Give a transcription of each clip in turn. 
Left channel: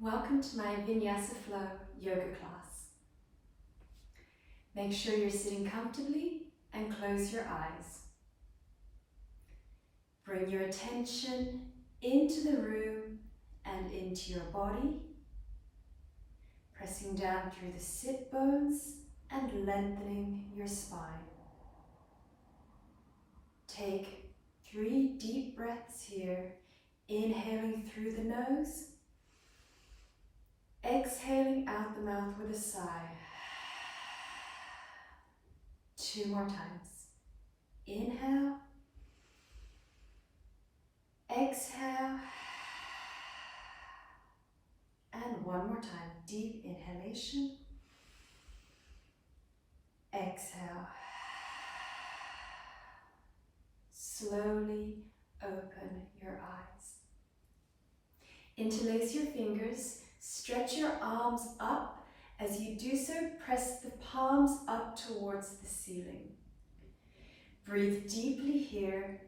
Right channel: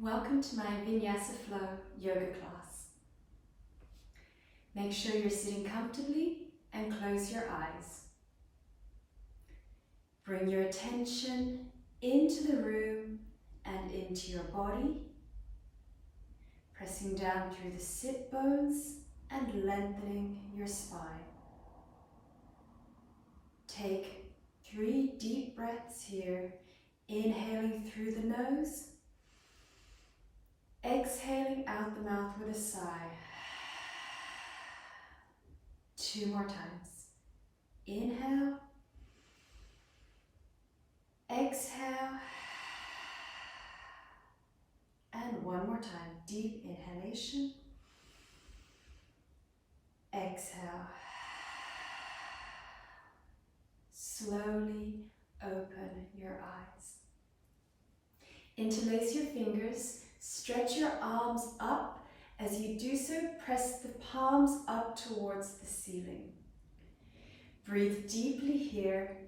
Welcome to my Vinyasa Flow Yoga Class. Make sure you're sitting comfortably and close your eyes. Bring your attention into the room and into your body, pressing down through the sit bones and lengthening your spine. Take 3 deep breaths here, inhaling through the nose, exhaling out the mouth with a sigh. 2 more times. Inhale, exhale, and 1 more time. Deep inhalation, exhale. Slowly open your eyes. Interlace your fingers. Stretch your arms up. As you do so, press the palms up towards the ceiling. Breathe deeply here.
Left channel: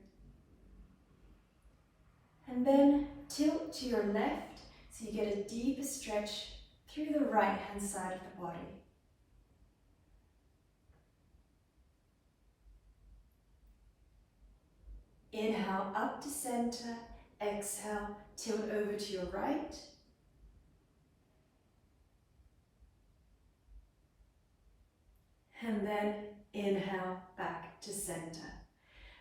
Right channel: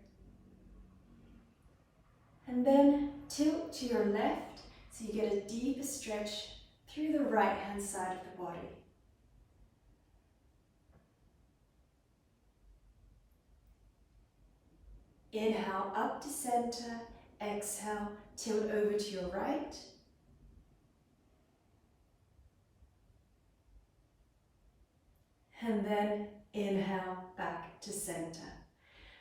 And then tilt to your left so you get a deeper stretch through the right hand side of the body. Inhale up to center. Exhale, tilt over to your right. And then inhale back to center.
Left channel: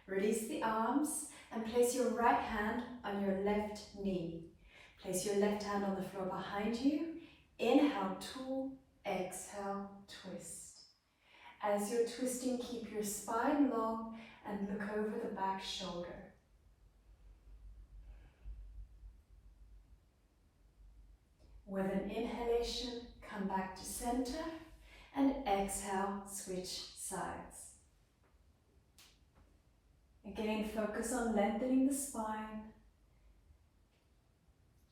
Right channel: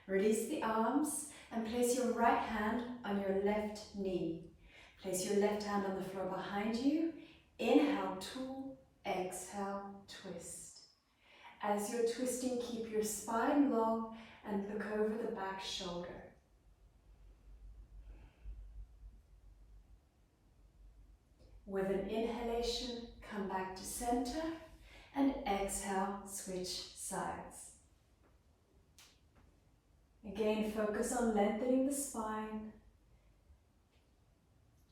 Release the arms and place your right hand on your left knee. Place your left hand on the floor behind you. Inhale, tool. Exhale, twist. As you're twisting, keep your spine long and look over the back shoulder. With an inhalation, come back to center. And exhale, switch sides. Again, focus on lengthening the spine.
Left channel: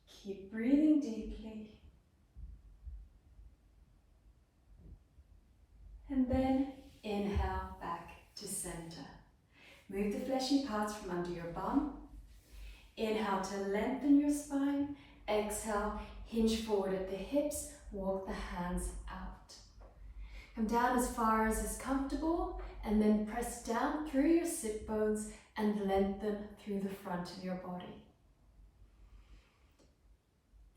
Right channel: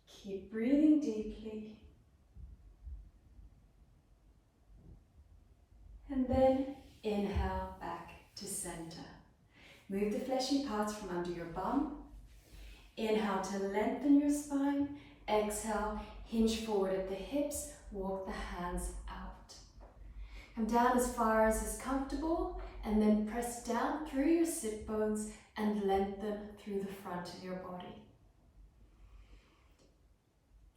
Keep breathing deeply. And then inhale back to center. Move the fleshy parts from under your bum. Inhale to lengthen your spine. Exhale, hinge forward at the hips. Walk the hands out. Come down as far as is comfortable and then press down through your sit bones and lengthen through the front of your body.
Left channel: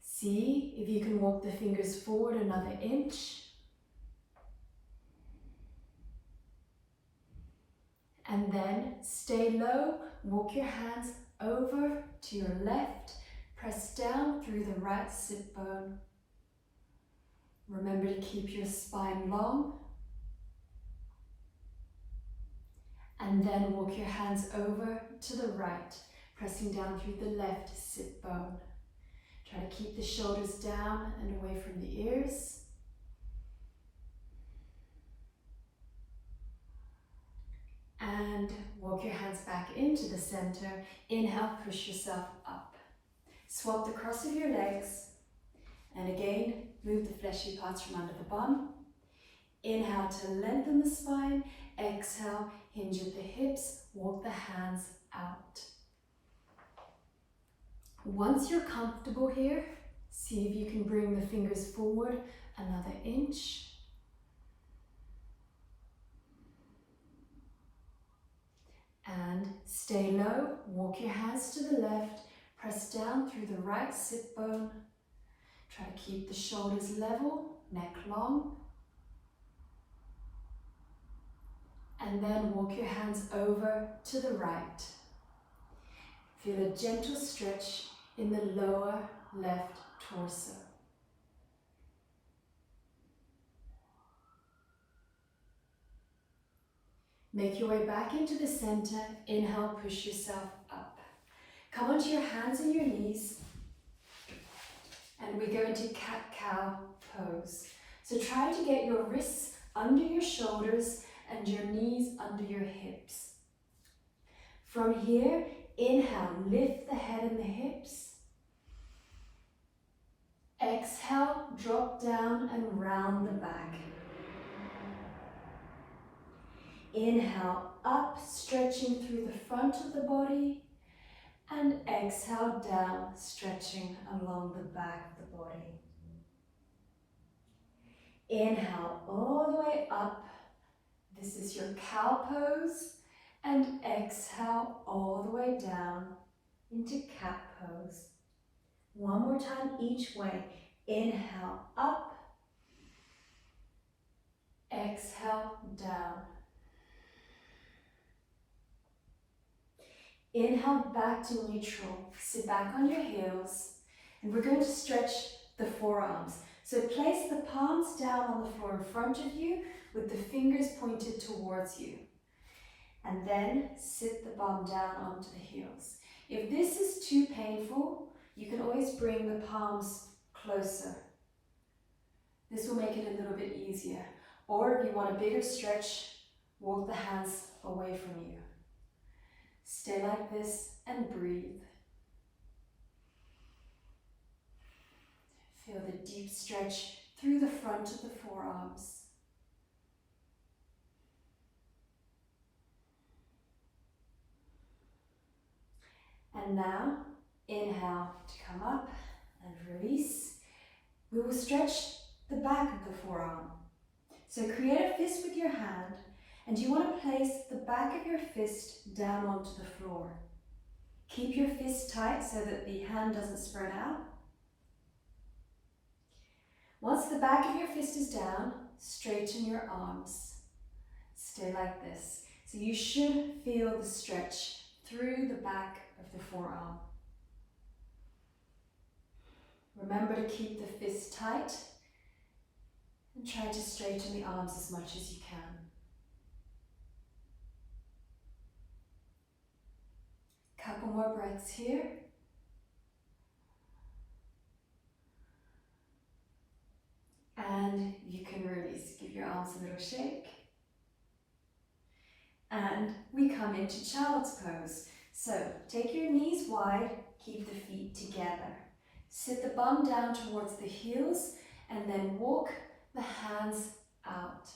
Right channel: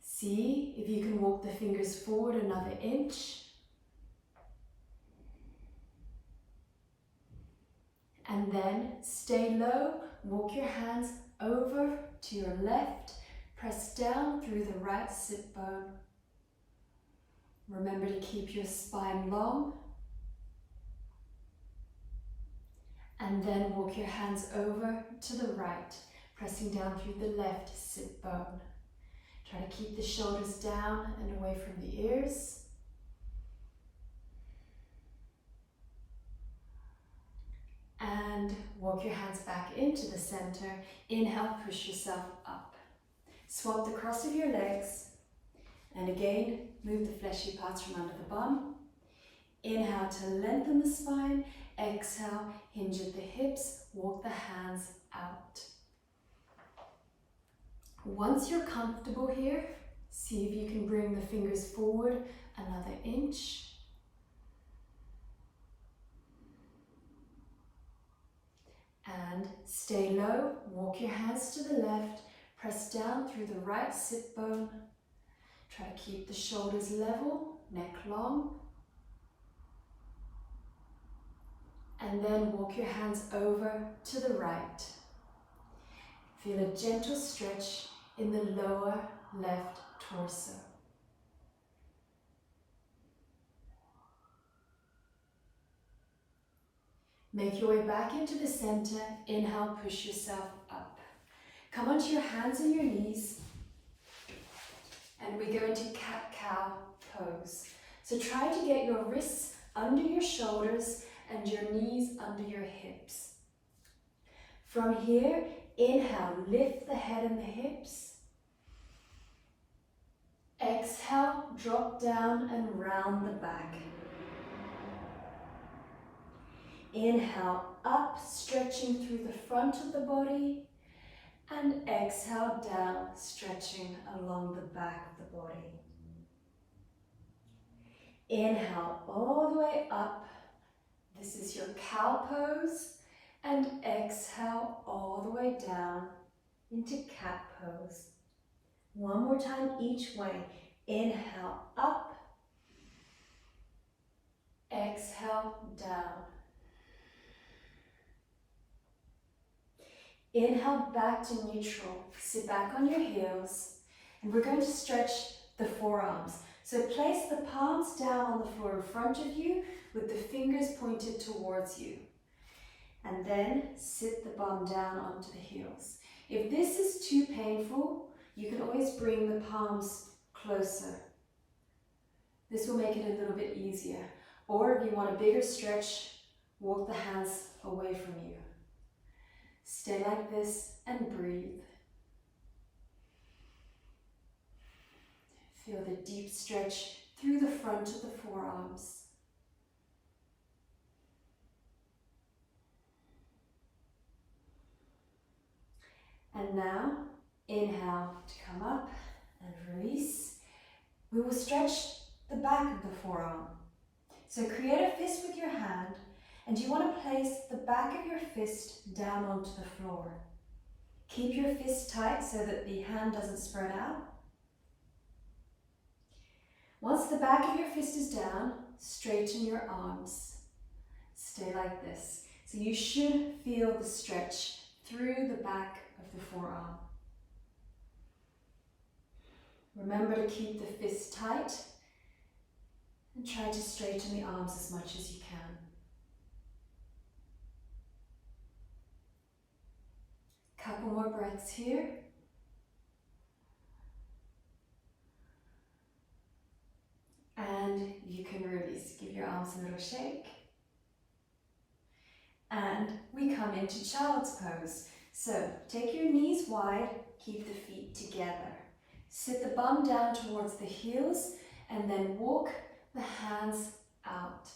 See if you can walk the fingers forward another inch. And then stay low, walk your hands over to your left, press down through the right sit bone. Remember to keep your spine long. And then walk your hands over to the right, pressing down through the left sit bone. Try to keep the shoulders down and away from the ears. And walk your hands back into the center. Inhale, push yourself up. Swap the cross of your legs. And again, move the fleshy parts from under the bum. Inhale to lengthen the spine. Exhale, hinge at the hips. Walk the hands out. Once you're comfortable here, see if you can bring the fingers forward another inch. And stay low. Walk your hands to the left. Press down through the right sit bone. Try to keep the shoulders level, neck long. And then walk your hands over to the right. Feel a gentle stretch in the lower left torso. Make your way back into the center. Inhale, push yourself up. Come onto your hands and your knees. And we go into cat-cow pose. So try to get your wrists under your shoulders and your knees under your hips. From here, inhale, lift the head and the hips. Exhale, drop down and round the back. Inhale, up, stretching through the front of the body. And exhale down, stretching along the back of the body. Inhale all the way up. This is your cow pose. And exhale all the way down into cat pose. One more time each way. Inhale up. Exhale down. Inhale back to neutral. Sit back on your heels. And we're going to stretch the forearms. So place the palms down on the floor in front of you with the fingers pointed towards you. And then sit the bum down onto the heels. If this is too painful, you can always bring the palms closer. This will make it a little bit easier. Or if you want a bigger stretch, walk the hands away from you. Stay like this and breathe. Feel the deep stretch through the front of the forearms. And now, inhale to come up and release. We will stretch the back of the forearm. So create a fist with your hand, and you want to place the back of your fist down onto the floor. Keep your fist tight so that the hand doesn't spread out. Once the back of your fist is down, straighten your arms. Stay like this. So you should feel the stretch through the back of the forearm. Remember to keep the fist tight and try to straighten the arms as much as you can. Couple more breaths here. And you can release. Give your arms a little shake. And we come into child's pose. So take your knees wide, keep the feet together. Sit the bum down towards the heels and then walk the hands out.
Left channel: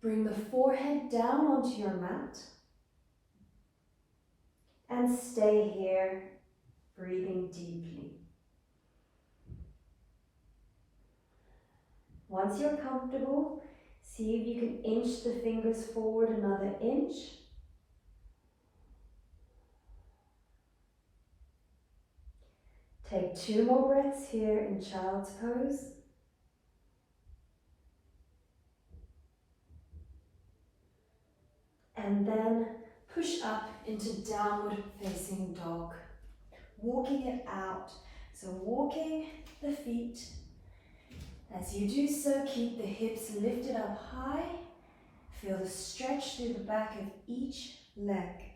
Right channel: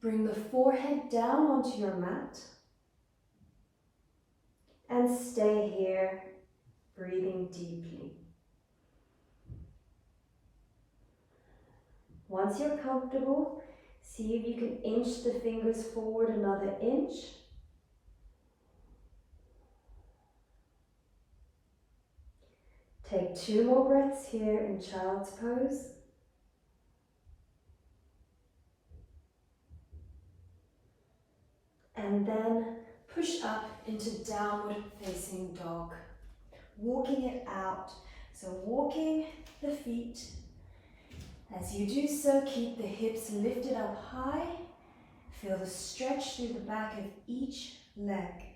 Bring the forehead down onto your mat. And stay here, breathing deeply. Once you're comfortable, see if you can inch the fingers forward another inch. Take 2 more breaths here in child's pose. And then push up into downward facing dog. Walking it out. So walking the feet. As you do so, keep the hips lifted up high. Feel the stretch through the back of each leg.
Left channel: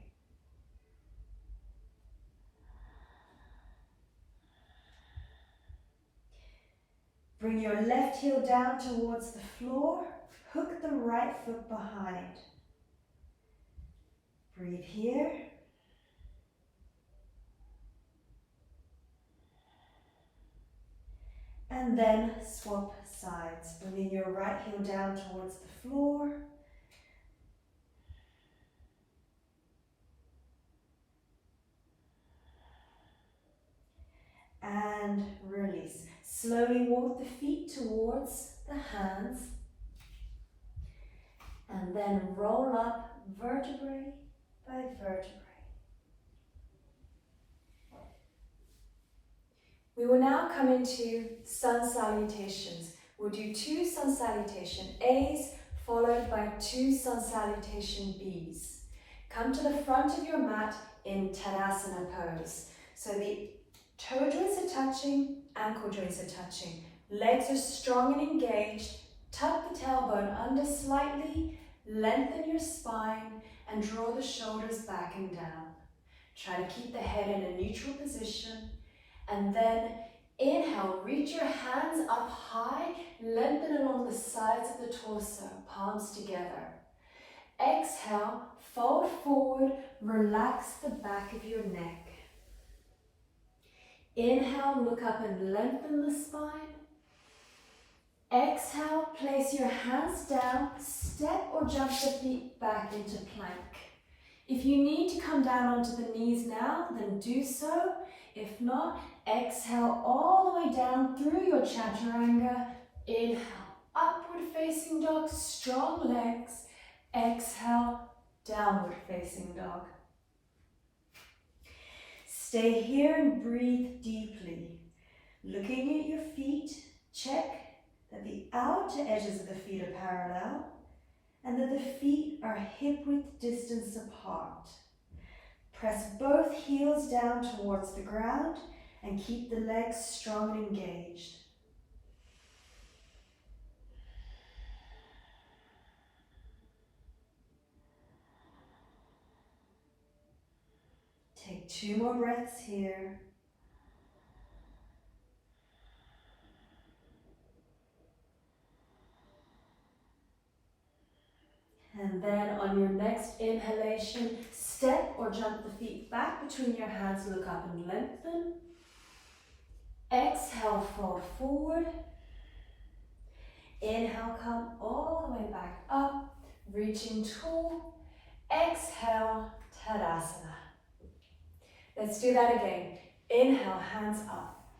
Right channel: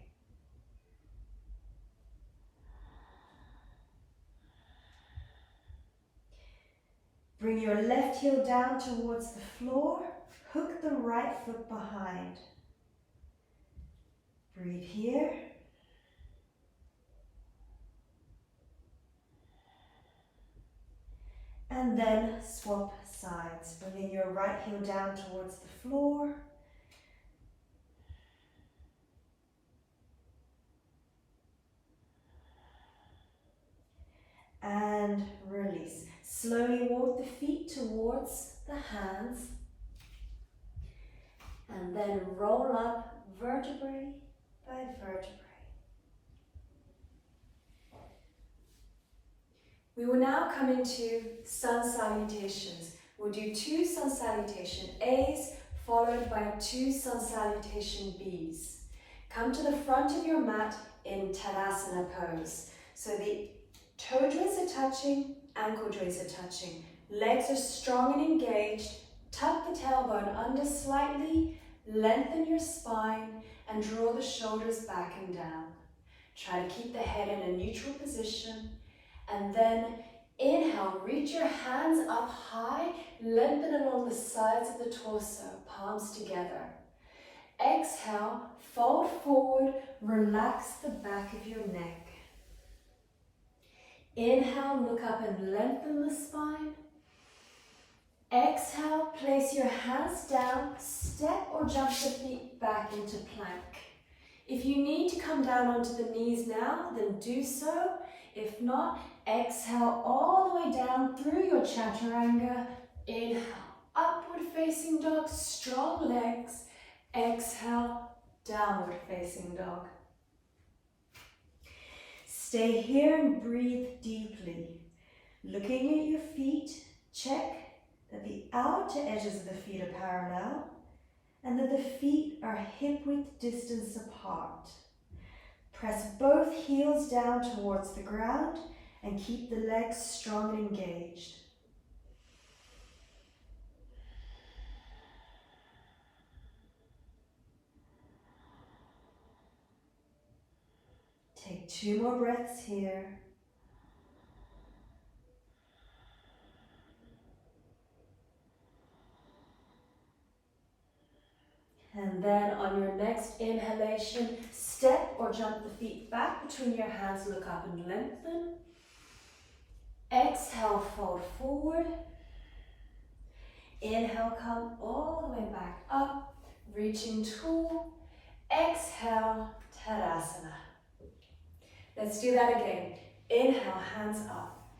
Bring your left heel down towards the floor. Hook the right foot behind. Breathe here. And then swap sides. Bringing your right heel down towards the floor. And release. Slowly walk the feet towards the hands. And then roll up vertebrae by vertebrae. We will now come into sun salutations. We'll do 2 sun salutation A's followed by 2 sun salutation B's. Come to the front of your mat in Tadasana pose. So the toe joints are touching, ankle joints are touching. Legs are strong and engaged. Tuck the tailbone under slightly, lengthen your spine, and draw the shoulders back and down. Try to keep the head in a neutral position. And then inhale, reach your hands up high, lengthen along the sides of the torso, palms together. Exhale, fold forward, relax the back of your neck. Inhale, look up and lengthen the spine. Exhale, place your hands down, step or jump the feet back into plank. If you need to come down onto the knees now, then do so. If not, exhale all the way down through your chaturanga. Inhale, upward facing dog, strong legs. Exhale, downward facing dog. Stay here and breathe deeply. Looking at your feet, check that the outer edges of the feet are parallel and that the feet are hip-width distance apart. Press both heels down towards the ground and keep the legs strong and engaged. Take 2 more breaths here. And then on your next inhalation, step or jump the feet back between your hands, look up and lengthen. Exhale, fold forward. Inhale, come all the way back up, reaching tall. Exhale, Tadasana. Let's do that again. Inhale, hands up.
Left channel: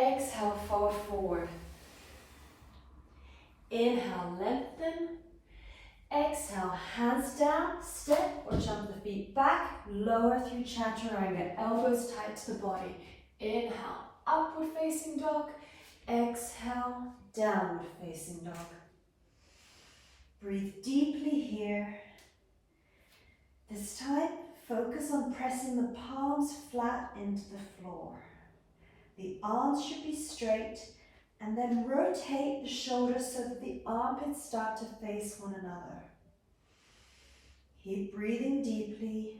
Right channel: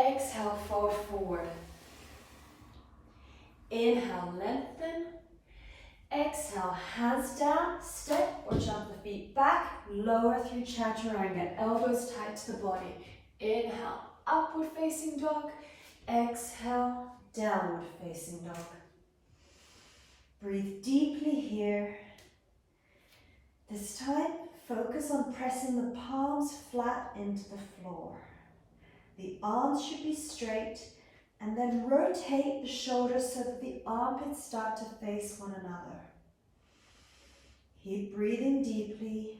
Exhale, fold forward. Inhale, lengthen. Exhale, hands down, step or jump the feet back, lower through chaturanga, elbows tight to the body. Inhale, upward facing dog. Exhale, downward facing dog. Breathe deeply here. This time, focus on pressing the palms flat into the floor. The arms should be straight, and then rotate the shoulders so that the armpits start to face one another. Keep breathing deeply.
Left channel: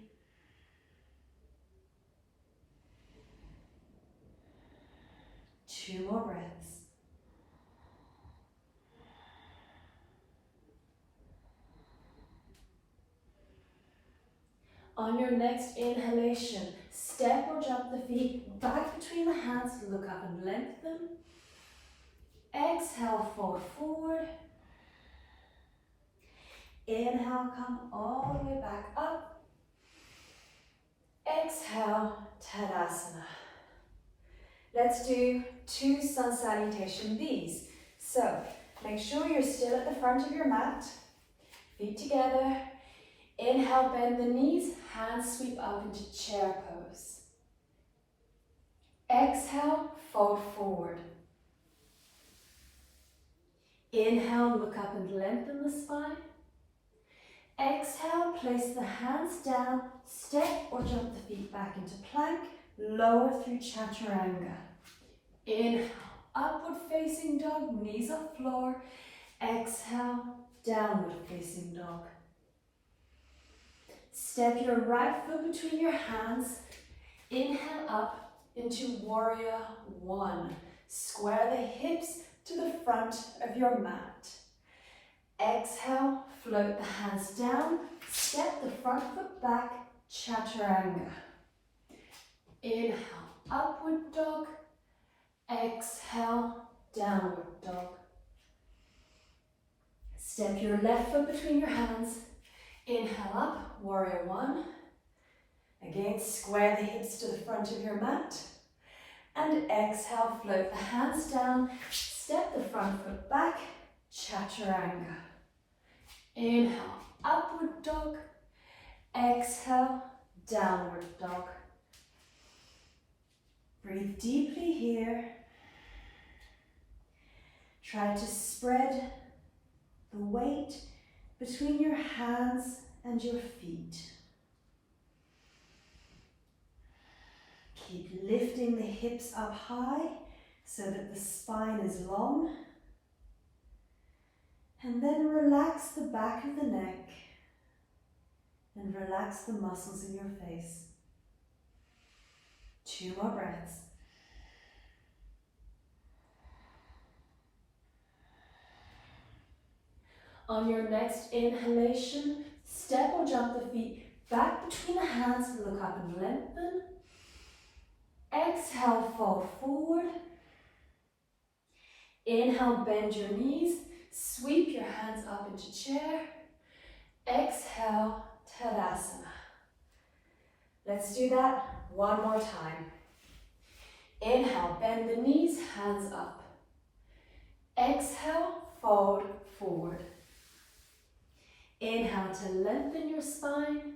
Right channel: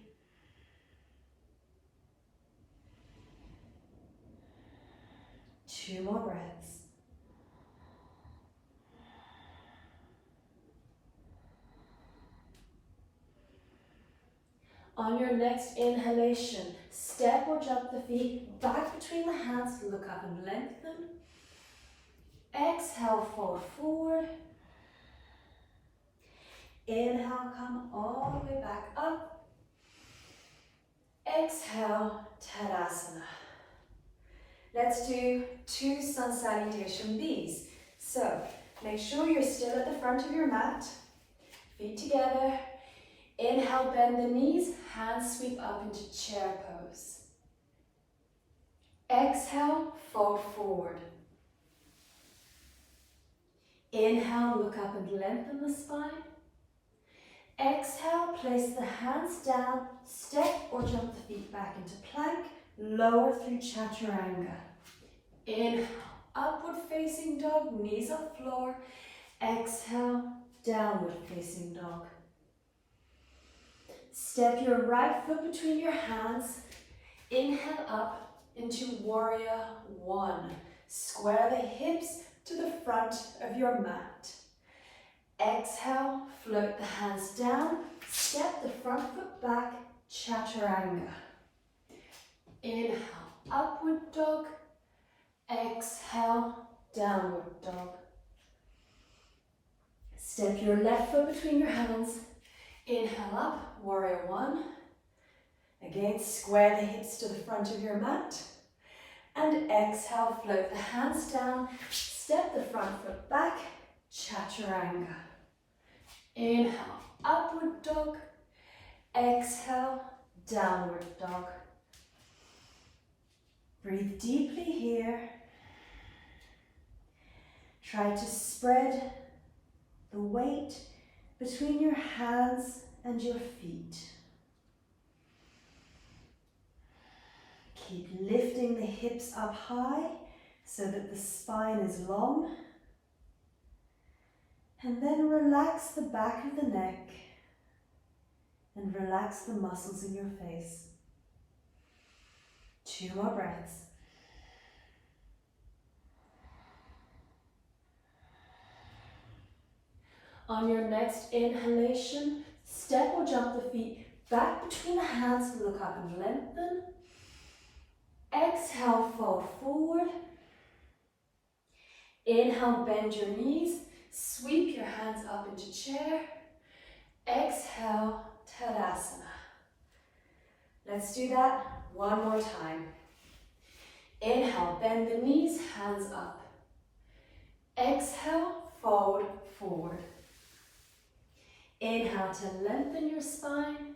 Two more breaths. On your next inhalation, step or jump the feet back between the hands, look up and lengthen. Exhale, fold forward. Inhale, come all the way back up. Exhale, Tadasana. Let's do 2 sun salutation Bs. So, make sure you're still at the front of your mat, feet together. Inhale, bend the knees, hands sweep up into chair pose. Exhale, fold forward. Inhale, look up and lengthen the spine. Exhale, place the hands down, step or jump the feet back into plank, lower through chaturanga. Inhale, upward facing dog, knees up floor. Exhale, downward facing dog. Step your right foot between your hands. Inhale up into warrior 1. Square the hips to the front of your mat. Exhale, float the hands down, step the front foot back, chaturanga. Inhale, upward dog. Exhale, downward dog. Step your left foot between your hands. Inhale up, warrior 1. Again, square the hips to the front of your mat. And exhale, float the hands down, step the front foot back, chaturanga. Inhale, upward dog. Exhale, downward dog. Breathe deeply here. Try to spread the weight between your hands and your feet. Keep lifting the hips up high so that the spine is long. And then relax the back of the neck and relax the muscles in your face. 2 more breaths. On your next inhalation, step or jump the feet back between the hands, look up and lengthen. Exhale, fold forward. Inhale, bend your knees. Sweep your hands up into chair. Exhale, Tadasana. Let's do that one more time. Inhale, bend the knees, hands up. Exhale, fold forward. Inhale to lengthen your spine.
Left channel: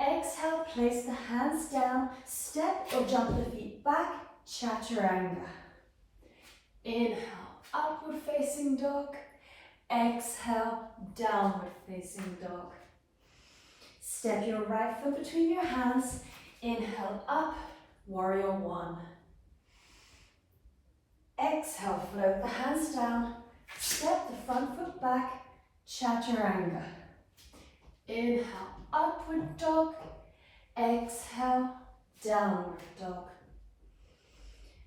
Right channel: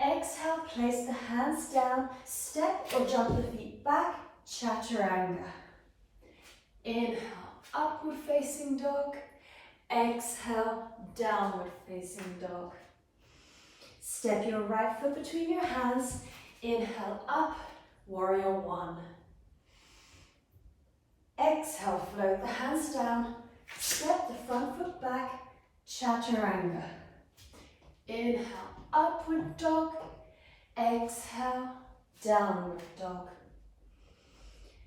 Exhale, place the hands down, step or jump the feet back, chaturanga. Inhale, upward facing dog. Exhale, downward facing dog. Step your right foot between your hands. Inhale up, warrior one. Exhale, float the hands down. Step the front foot back, chaturanga. Inhale, upward dog. Exhale, downward dog.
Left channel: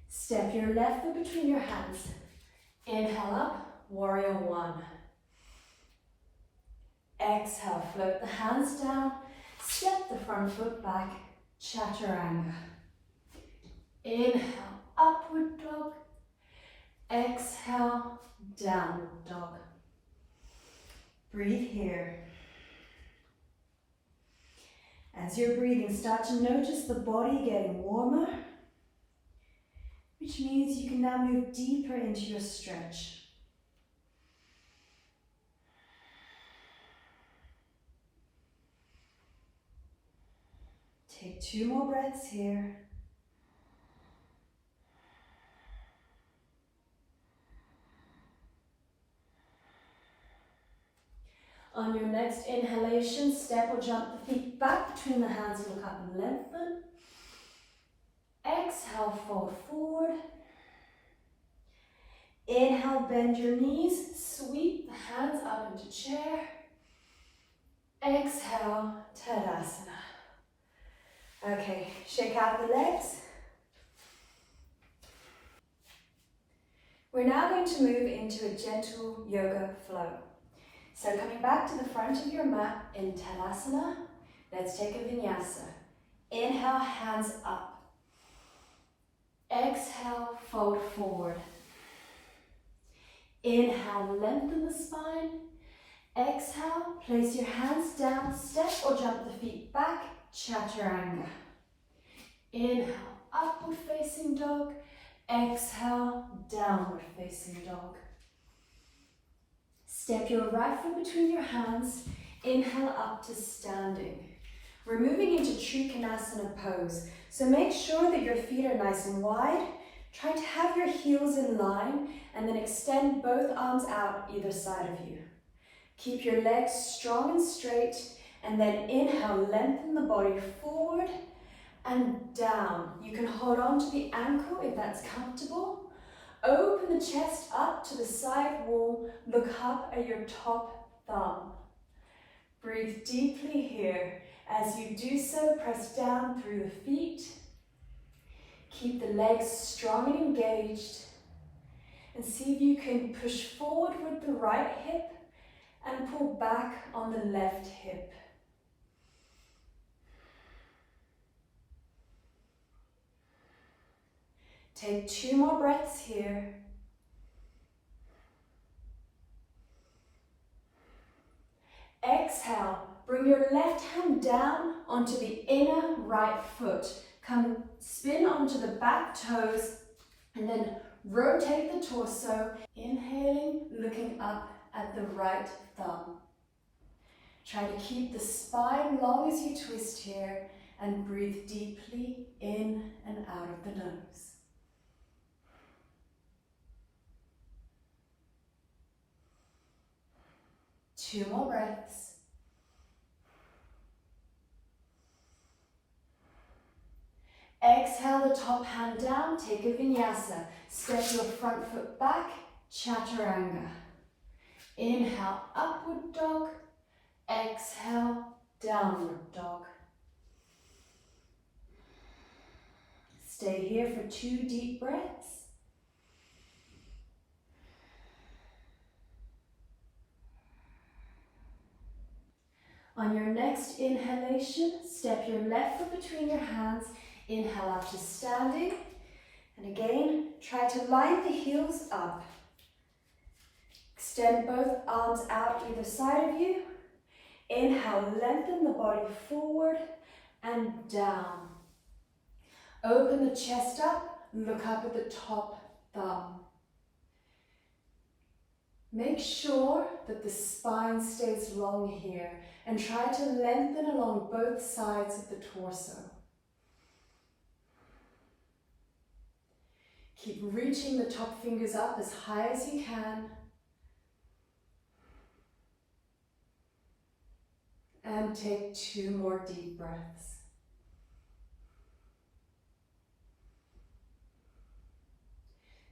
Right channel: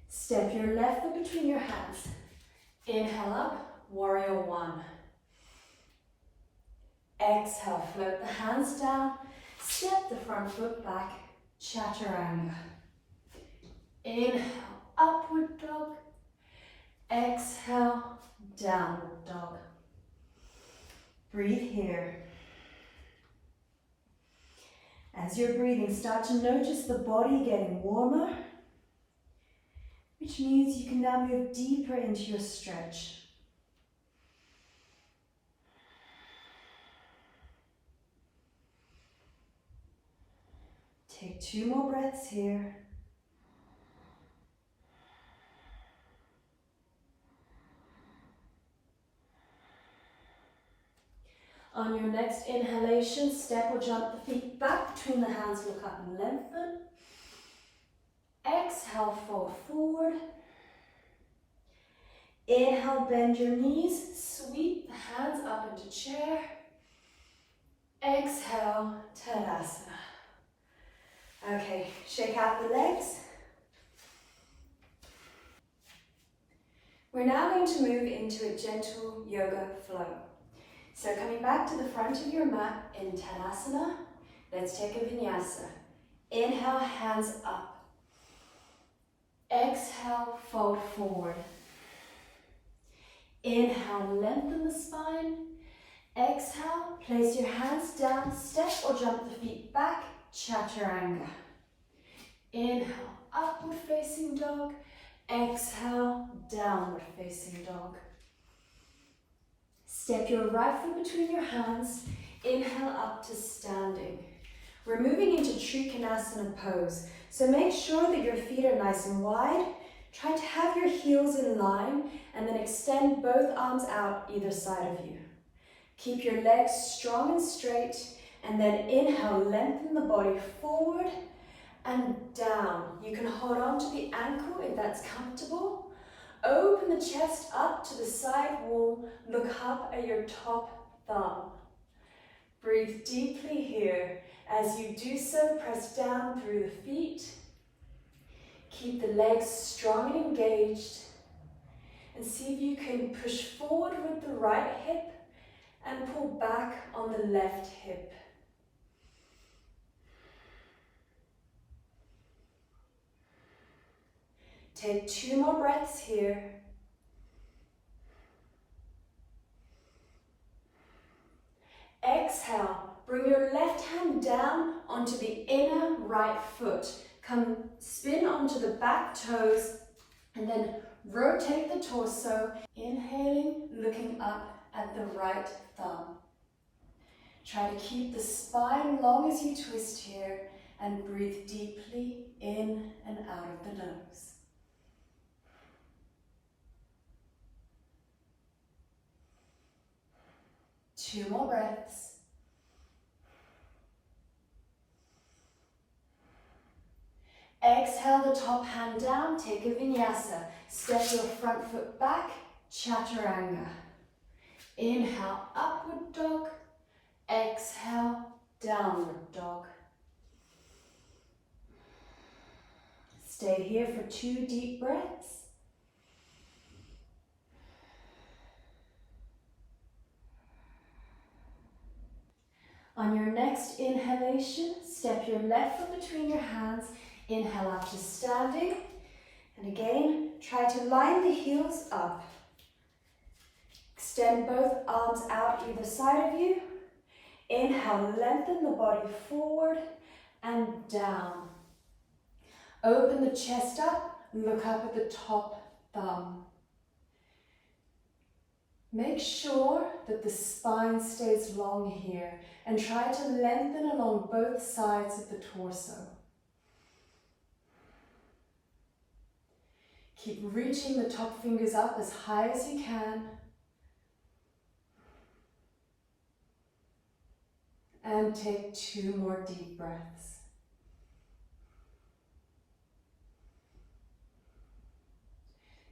Step your left foot between your hands. Inhale up, warrior one. Exhale, float the hands down. Step the front foot back, chaturanga. Inhale, upward dog. Exhale, downward dog. Breathe here. As you're breathing, start to notice the body getting warmer, which means you can now move deeper into your stretch. Take 2 more breaths here. On your next inhalation, step or jump the feet back between the hands, look up and lengthen. Exhale, fold forward. Inhale, bend your knees, sweep the hands up into chair. Exhale, Tadasana. Okay, shake out the legs. We're now going to move into a gentle yoga flow. So coming back to the front of your mat in Tadasana, let's take a vinyasa. Inhale, hands up. Exhale, fold forward. Inhale, lengthen the spine. Exhale, place your hands down, step or jump the feet back, chaturanga. Inhale, upward facing dog. Exhale, downward facing dog. Step your right foot between your hands. Inhale up to standing. We're moving into Trikonasana pose. So make sure that your feet are nice and wide. Try to have your heels in line and then extend both arms out either side of you. Keep your legs strong and straight, and then inhale, lengthen the body forward and down. You can hold on to the ankle if that's comfortable. Open the chest up to the side wall, look up at your top thumb. Breathe deeply here. As you do so, press down through the feet. Keep the legs strong and engaged. And see if you can push forward with the right hip and pull back on the left hip. Take 2 more breaths here. Exhale, bring your left hand down onto the inner right foot. Come spin onto the back toes and then rotate the torso. Inhaling, looking up at the right thumb. Try to keep the spine long as you twist here and breathe deeply in and out of the nose. Two more breaths. Exhale the top hand down, take a vinyasa. Step your front foot back, chaturanga. Inhale, upward dog. Exhale, downward dog. Stay here for 2 deep breaths. On your next inhalation, step your left foot between your hands. Inhale up to standing. And again, try to line the heels up. Extend both arms out either side of you. Inhale, lengthen the body forward and down. Open the chest up, look up at the top thumb. Make sure that the spine stays long here and try to lengthen along both sides of the torso. Keep reaching the top fingers up as high as you can. And take 2 more deep breaths.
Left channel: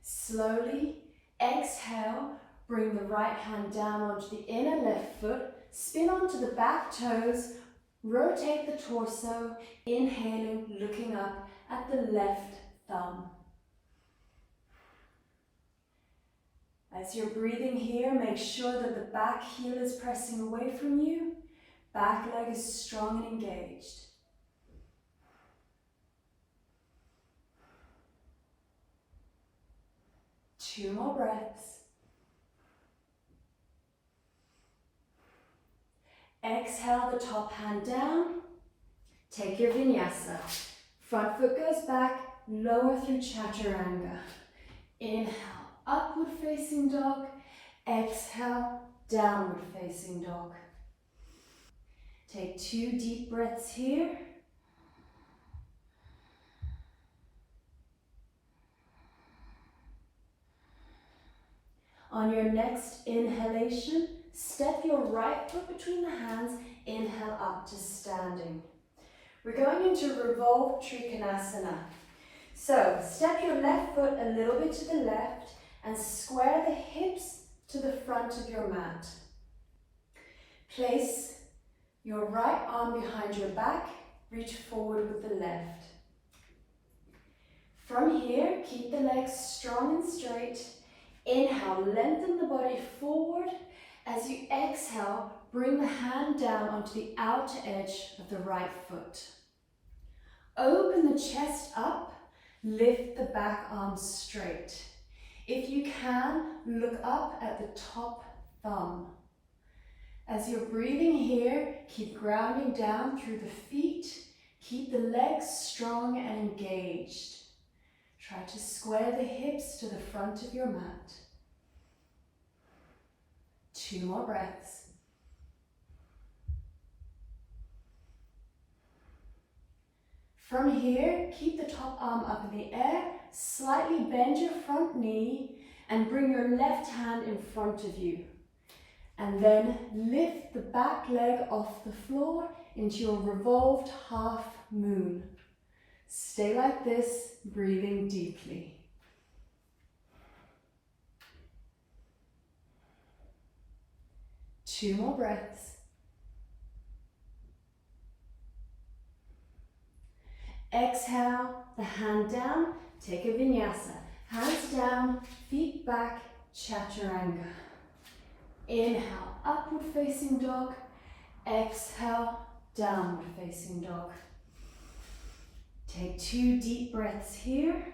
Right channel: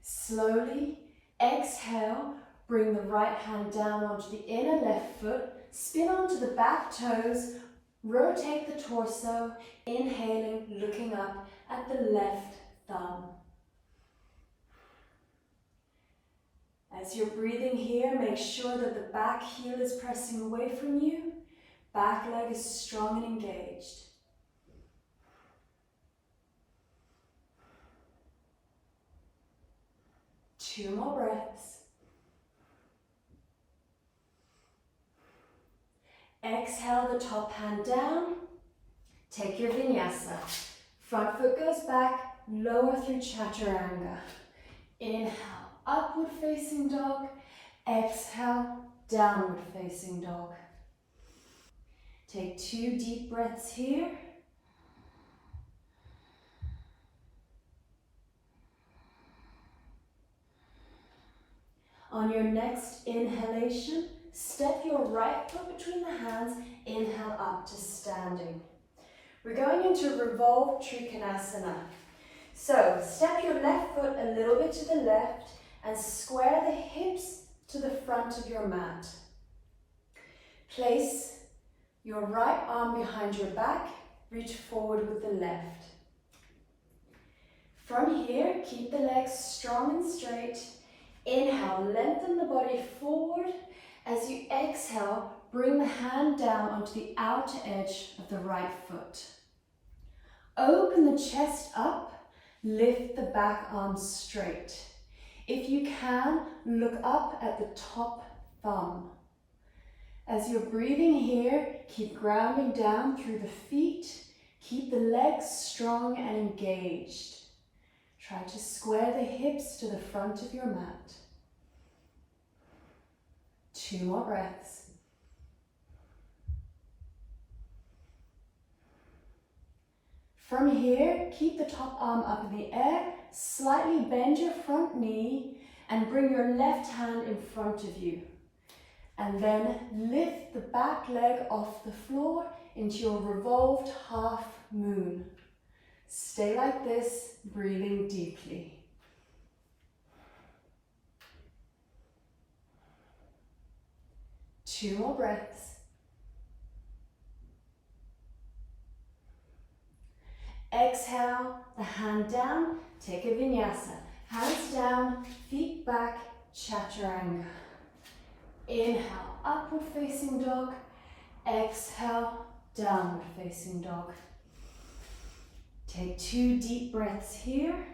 Slowly exhale, bring the right hand down onto the inner left foot, spin onto the back toes, rotate the torso, inhaling, looking up at the left thumb. As you're breathing here, make sure that the back heel is pressing away from you, back leg is strong and engaged. Two more breaths. Exhale the top hand down. Take your vinyasa. Front foot goes back, lower through chaturanga. Inhale, upward facing dog. Exhale, downward facing dog. Take 2 deep breaths here. On your next inhalation, step your right foot between the hands, inhale up to standing. We're going into Revolved Trikonasana. So step your left foot a little bit to the left and square the hips to the front of your mat. Place your right arm behind your back, reach forward with the left. From here, keep the legs strong and straight. Inhale, lengthen the body forward. As you exhale, bring the hand down onto the outer edge of the right foot. Open the chest up, lift the back arm straight. If you can, look up at the top thumb. As you're breathing here, keep grounding down through the feet. Keep the legs strong and engaged. Try to square the hips to the front of your mat. 2 more breaths. From here, keep the top arm up in the air, slightly bend your front knee and bring your left hand in front of you. And then lift the back leg off the floor into your revolved half moon. Stay like this, breathing deeply. Two more breaths. Exhale, the hand down, take a vinyasa. Hands down, feet back, chaturanga. Inhale, upward facing dog. Exhale, downward facing dog. Take 2 deep breaths here.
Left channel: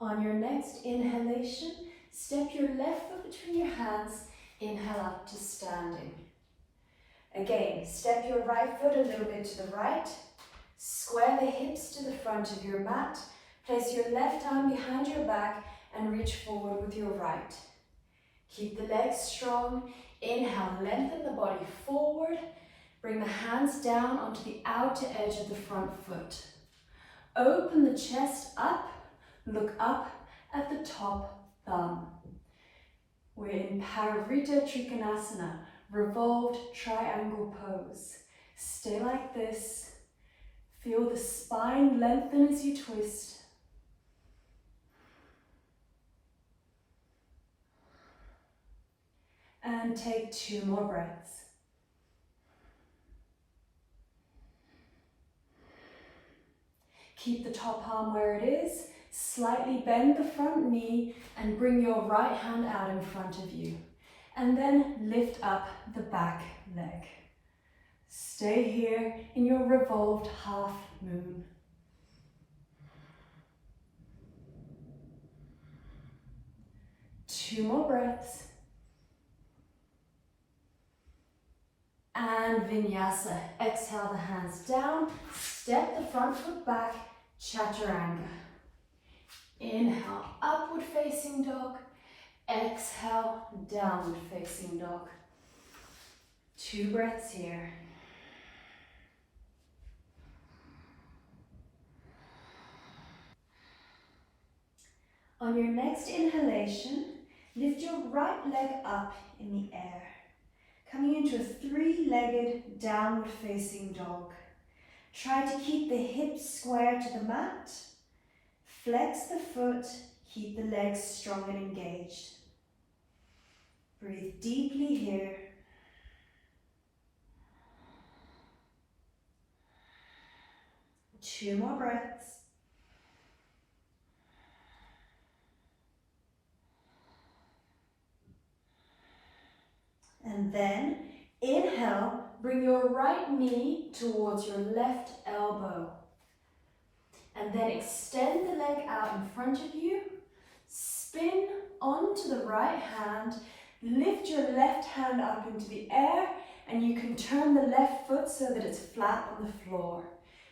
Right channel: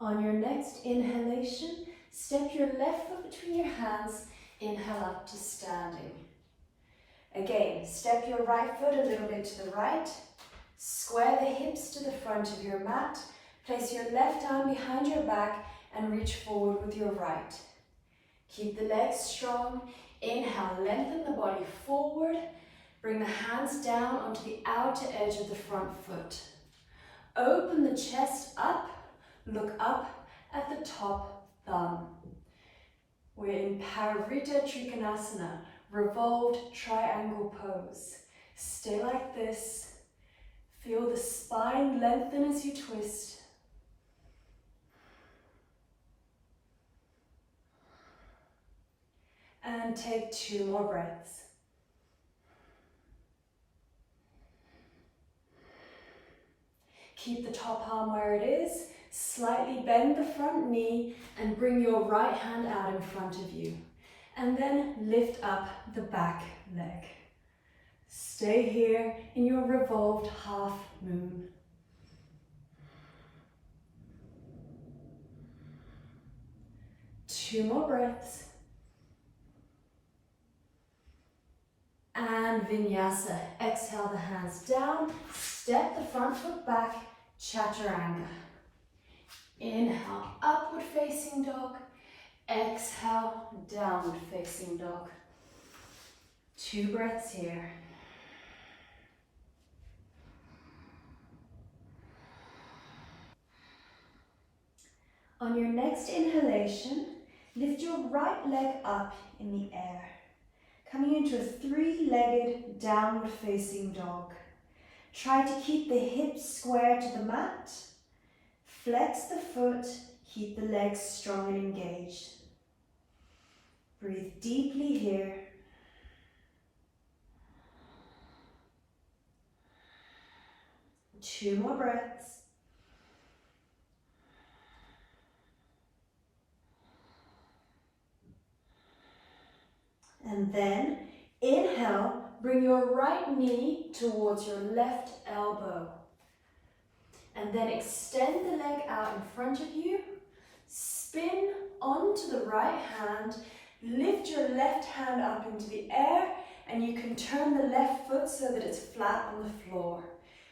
On your next inhalation, step your left foot between your hands, inhale up to standing. Again, step your right foot a little bit to the right, square the hips to the front of your mat, place your left arm behind your back and reach forward with your right. Keep the legs strong, inhale, lengthen the body forward, bring the hands down onto the outer edge of the front foot. Open the chest up, look up at the top thumb. We're in Parivrtta Trikonasana, revolved triangle pose. Stay like this. Feel the spine lengthen as you twist. And take 2 more breaths. Keep the top arm where it is. Slightly bend the front knee and bring your right hand out in front of you. And then lift up the back leg. Stay here in your revolved half moon. 2 more breaths. And Vinyasa. Exhale the hands down. Step the front foot back. Chaturanga. Inhale, upward facing dog. Exhale, downward facing dog. 2 breaths here. On your next inhalation, lift your right leg up in the air, coming into a 3-legged downward facing dog. Try to keep the hips square to the mat. Flex the foot, keep the legs strong and engaged. Breathe deeply here. Two more breaths. And then inhale, bring your right knee towards your left elbow. And then extend the leg out in front of you. Spin onto the right hand. Lift your left hand up into the air, and you can turn the left foot so that it's flat on the floor.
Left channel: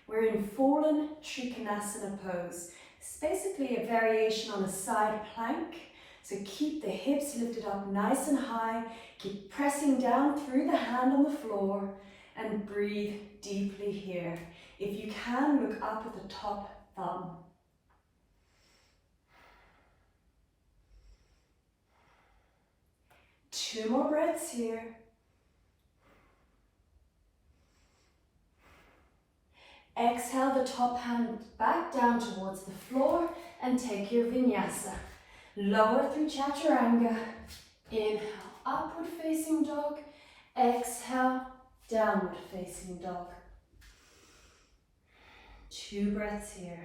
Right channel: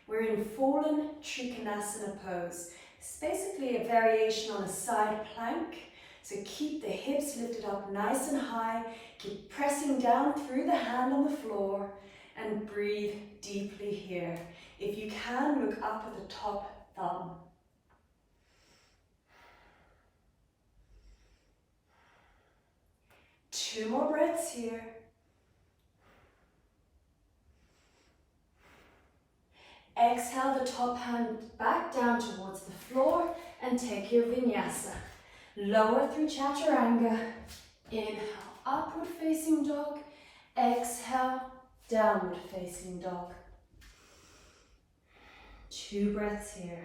We're in fallen Trikonasana pose. It's basically a variation on a side plank. So keep the hips lifted up nice and high. Keep pressing down through the hand on the floor and breathe deeply here. If you can, look up at the top thumb. Two more breaths here. Exhale the top hand back down towards the floor and take your vinyasa. Lower through chaturanga. Inhale, upward facing dog. Exhale, downward facing dog. 2 breaths here.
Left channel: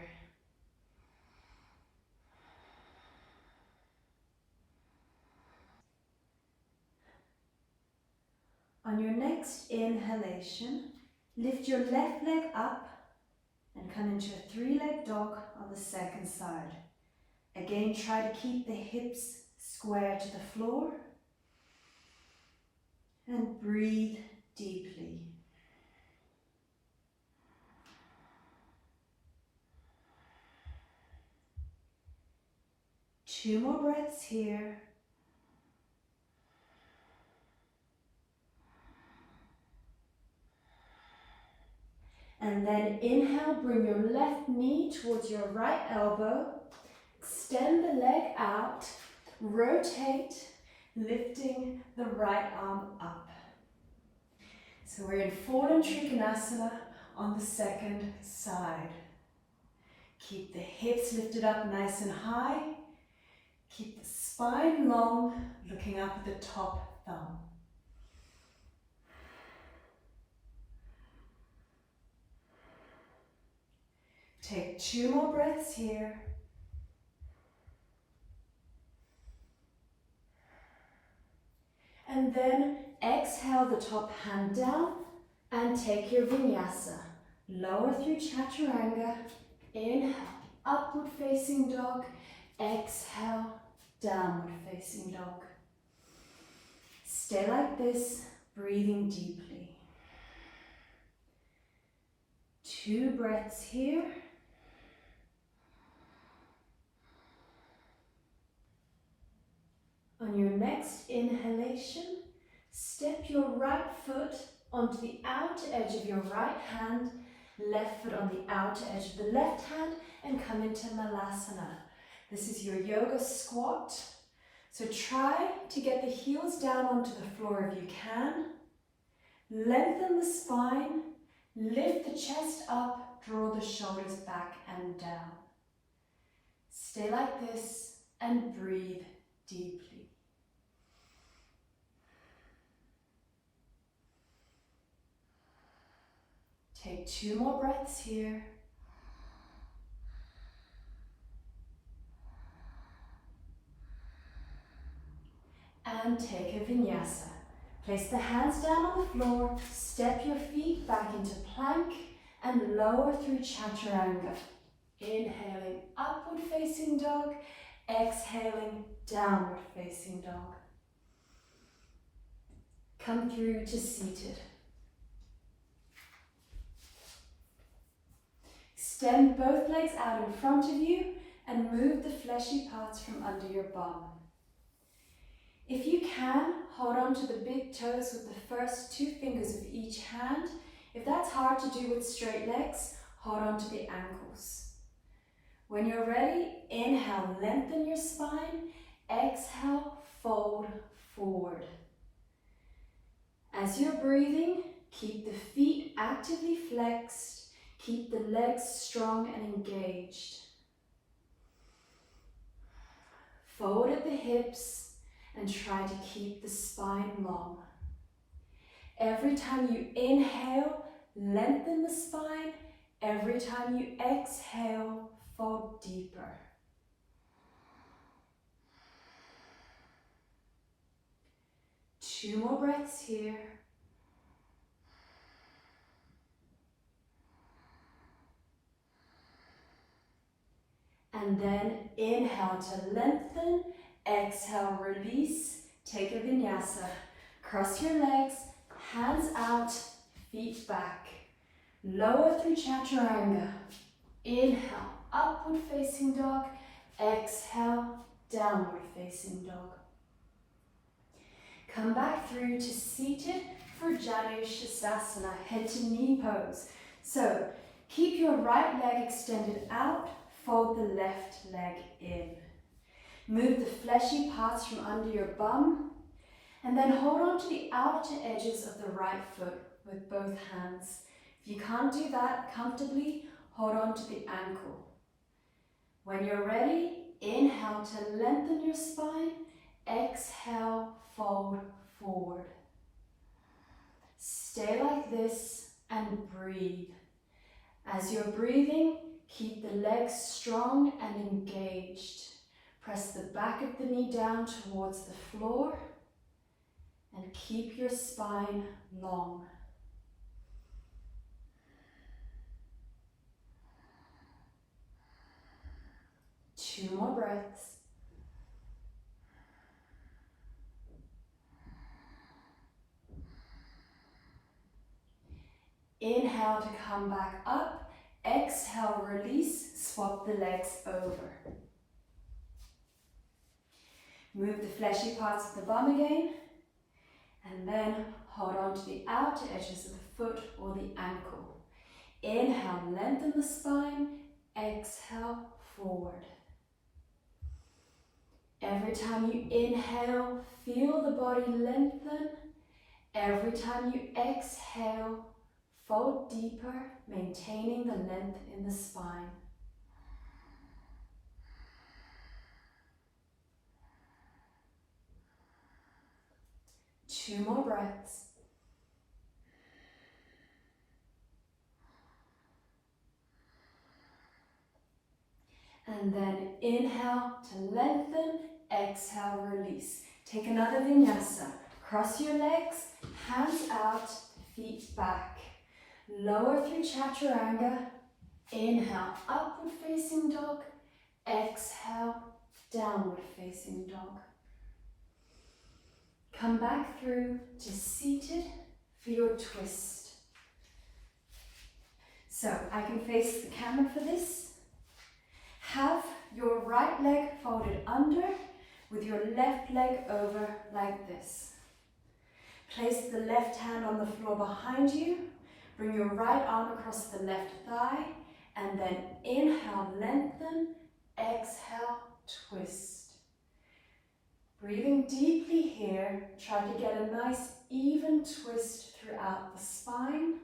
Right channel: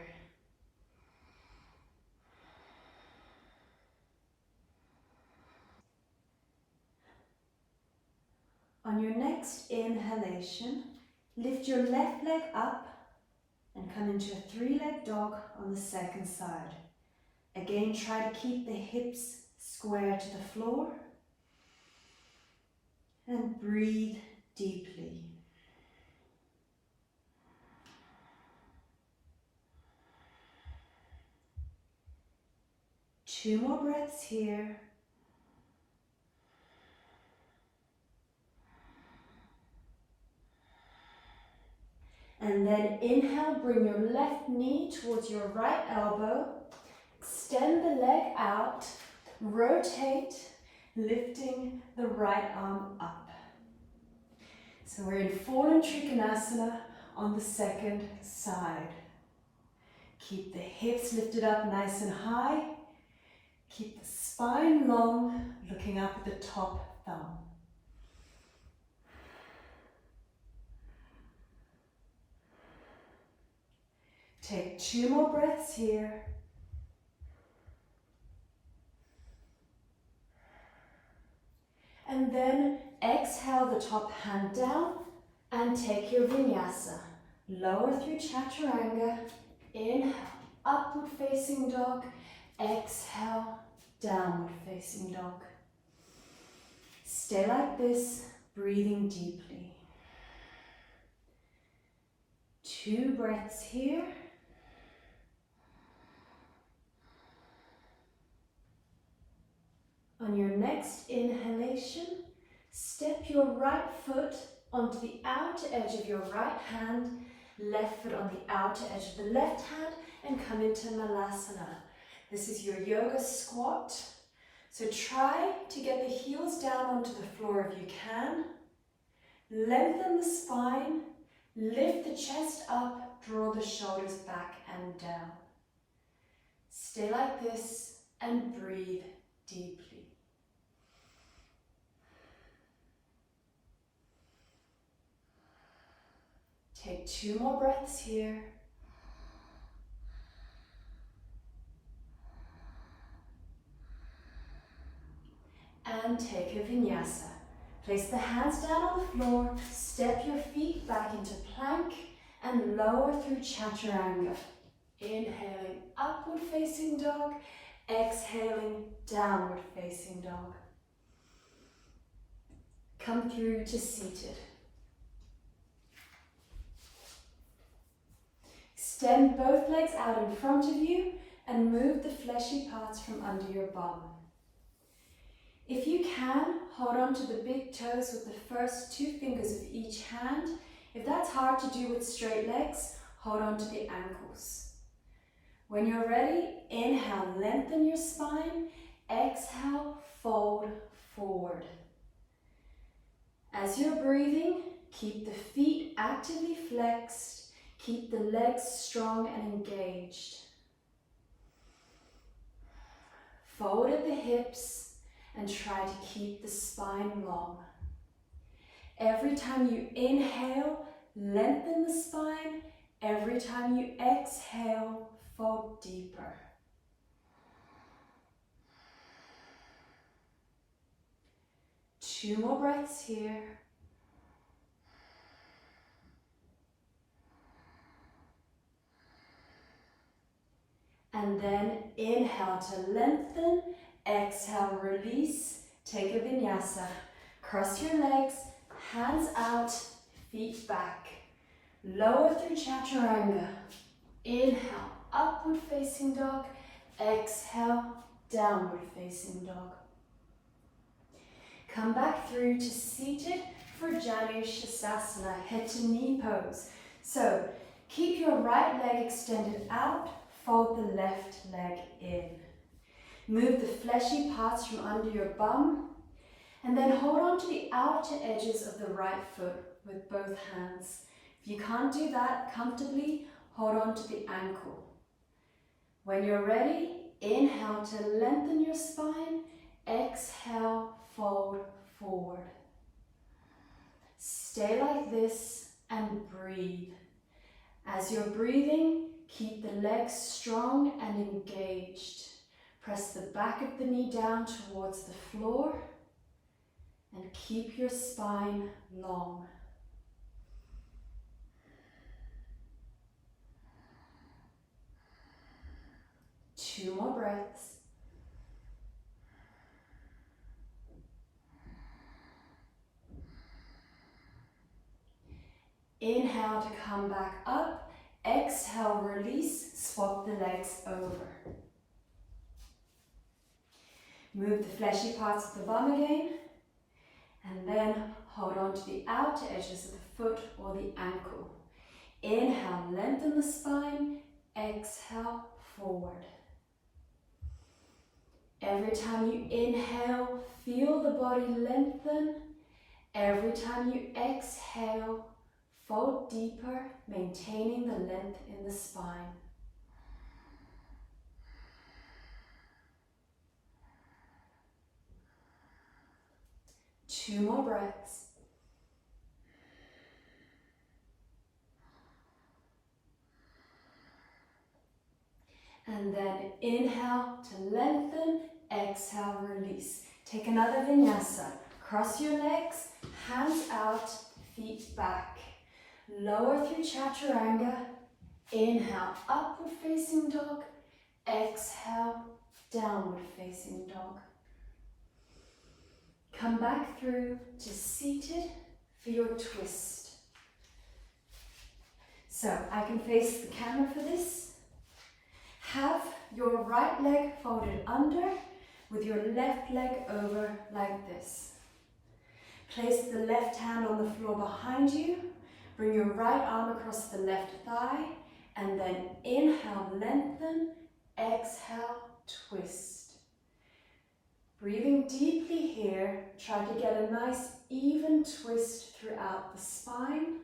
On your next inhalation, lift your left leg up and come into a 3-leg dog on the second side. Again, try to keep the hips square to the floor and breathe deeply. Two more breaths here. And then inhale, bring your left knee towards your right elbow. Extend the leg out, rotate, lifting the right arm up. So we're in fallen Trikonasana on the second side. Keep the hips lifted up nice and high. Keep the spine long, looking up at the top thumb. Take 2 more breaths here. And then exhale the top hand down and take your vinyasa. Lower through chaturanga. Inhale, upward facing dog. Exhale, downward facing dog. Stay like this, breathing deeply. 2 breaths here. On your next inhalation, step your right foot onto the outer edge of your right hand, left foot on the outer edge of the left hand, and come into Malasana. This is your yoga squat. So try to get the heels down onto the floor if you can. Lengthen the spine, lift the chest up, draw the shoulders back and down. Stay like this and breathe deeply. Take 2 more breaths here. And take a vinyasa. Place the hands down on the floor, step your feet back into plank and lower through chaturanga. Inhaling, upward facing dog. Exhaling, downward facing dog. Come through to seated. Extend both legs out in front of you and move the fleshy parts from under your bum. If you can, hold on to the big toes with the first 2 fingers of each hand. If that's hard to do with straight legs, hold on to the ankles. When you're ready, inhale, lengthen your spine. Exhale, fold forward. As you're breathing, keep the feet actively flexed. Keep the legs strong and engaged. Forward at the hips and try to keep the spine long. Every time you inhale, lengthen the spine. Every time you exhale, fold deeper. Two more breaths here. And then inhale to lengthen, exhale, release, take a vinyasa. Cross your legs, hands out, feet back. Lower through chaturanga. Inhale, upward facing dog. Exhale, downward facing dog. Come back through to seated for Janu Sirsasana, head to knee pose. So keep your right leg extended out. Fold the left leg in. Move the fleshy parts from under your bum and then hold on to the outer edges of the right foot with both hands. If you can't do that comfortably, hold on to the ankle. When you're ready, inhale to lengthen your spine. Exhale, fold forward. Stay like this and breathe. As you're breathing, keep the legs strong and engaged. Press the back of the knee down towards the floor and keep your spine long. Two more breaths. Inhale to come back up. Exhale, release, swap the legs over. Move the fleshy parts of the bum again, and then hold on to the outer edges of the foot or the ankle. Inhale, lengthen the spine. Exhale, forward. Every time you inhale, feel the body lengthen. Every time you exhale, fold deeper, maintaining the length in the spine. Two more breaths. And then inhale to lengthen, exhale, release. Take another vinyasa. Cross your legs, hands out, feet back. Lower through chaturanga. Inhale, upward facing dog. Exhale, downward facing dog. Come back through to seated for your twist. So I can face the camera for this. Have your right leg folded under with your left leg over like this. Place the left hand on the floor behind you. Bring your right arm across the left thigh and then inhale, lengthen, exhale, twist. Breathing deeply here, try to get a nice even twist throughout the spine.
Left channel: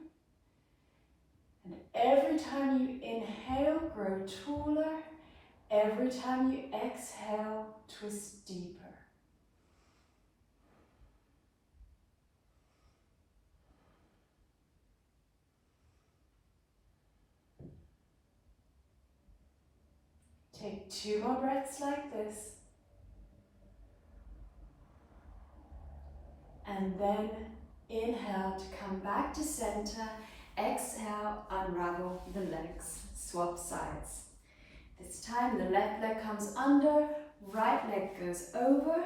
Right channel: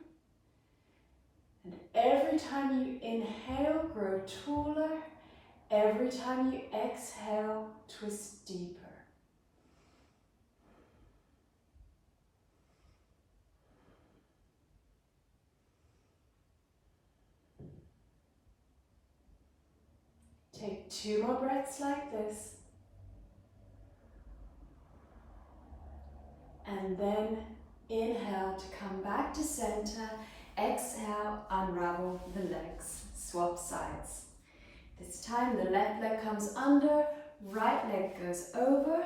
And every time you inhale, grow taller. Every time you exhale, twist deeper. Take two more breaths like this. And then inhale to come back to center. Exhale, unravel the legs. Swap sides. This time the left leg comes under, right leg goes over.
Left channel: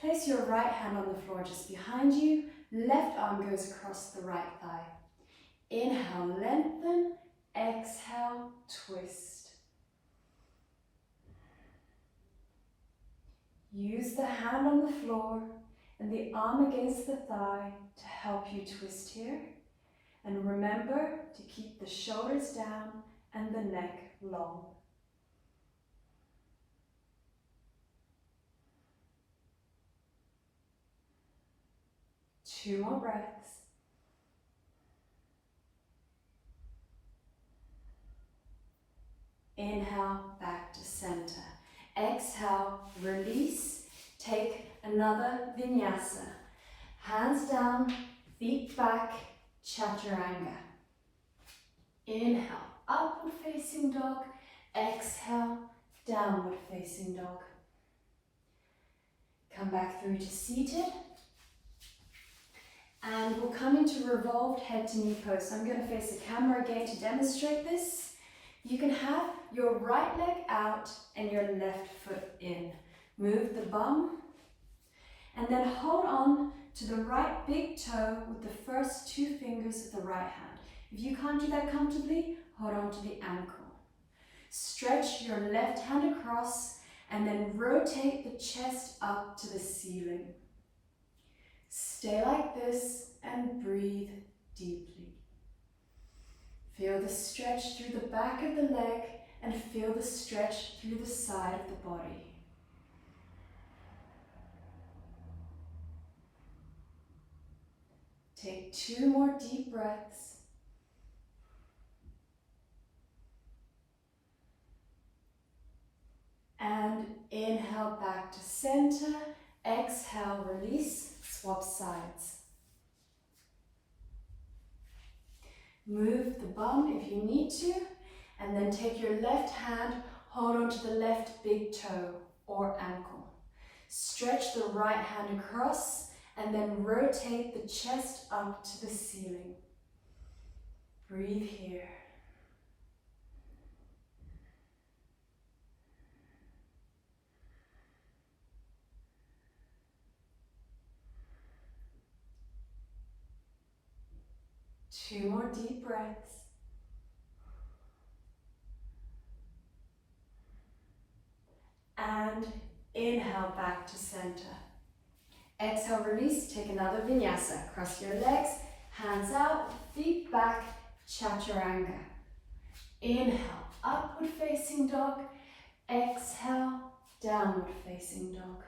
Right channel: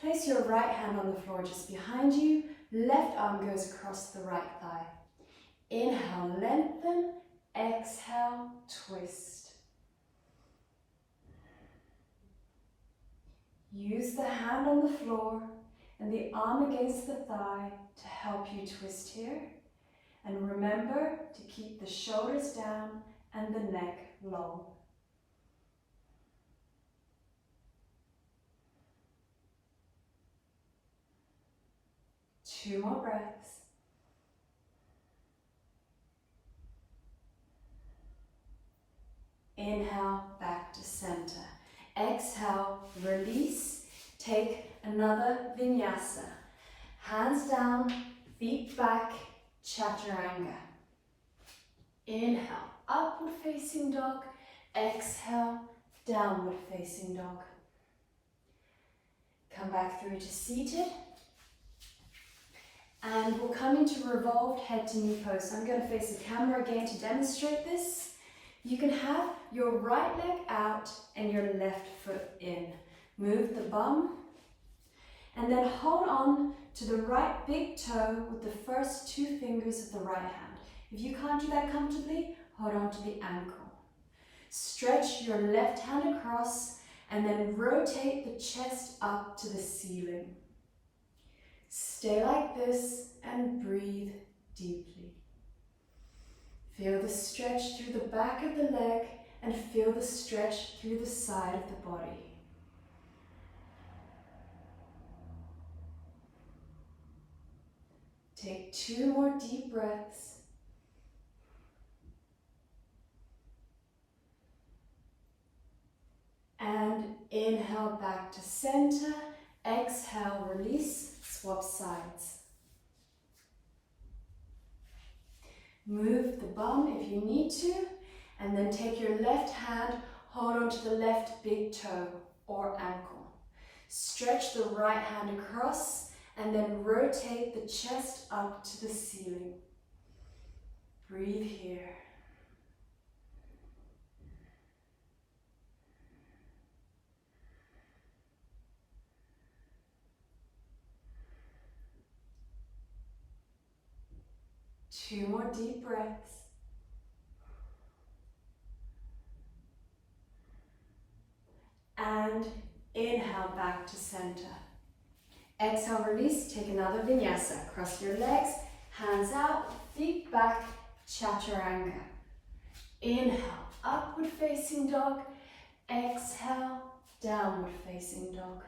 Place your right hand on the floor just behind you. Left arm goes across the right thigh. Inhale, lengthen. Exhale, twist. Use the hand on the floor and the arm against the thigh to help you twist here. And remember to keep the shoulders down and the neck long. Two more breaths. Inhale, back to center. Exhale, release. Take another vinyasa. Hands down, feet back, chaturanga. Inhale, upward facing dog. Exhale, downward facing dog. Come back through to seated. And we'll come into revolved head to knee pose. So I'm going to face the camera again to demonstrate this. You can have your right leg out and your left foot in. Move the bum and then hold on to the right big toe with the first two fingers of the right hand. If you can't do that comfortably, hold on to the ankle. Stretch your left hand across and then rotate the chest up to the ceiling. Stay like this and breathe deeply. Feel the stretch through the back of the leg and feel the stretch through the side of the body. Take two more deep breaths. And inhale back to center. Exhale, release, swap sides. Move the bum if you need to, and then take your left hand, hold on to the left big toe or ankle. Stretch the right hand across and then rotate the chest up to the ceiling. Breathe here. Two more deep breaths. And inhale back to center. Exhale, release, take another vinyasa. Cross your legs, hands out, feet back, chaturanga. Inhale, upward facing dog. Exhale, downward facing dog.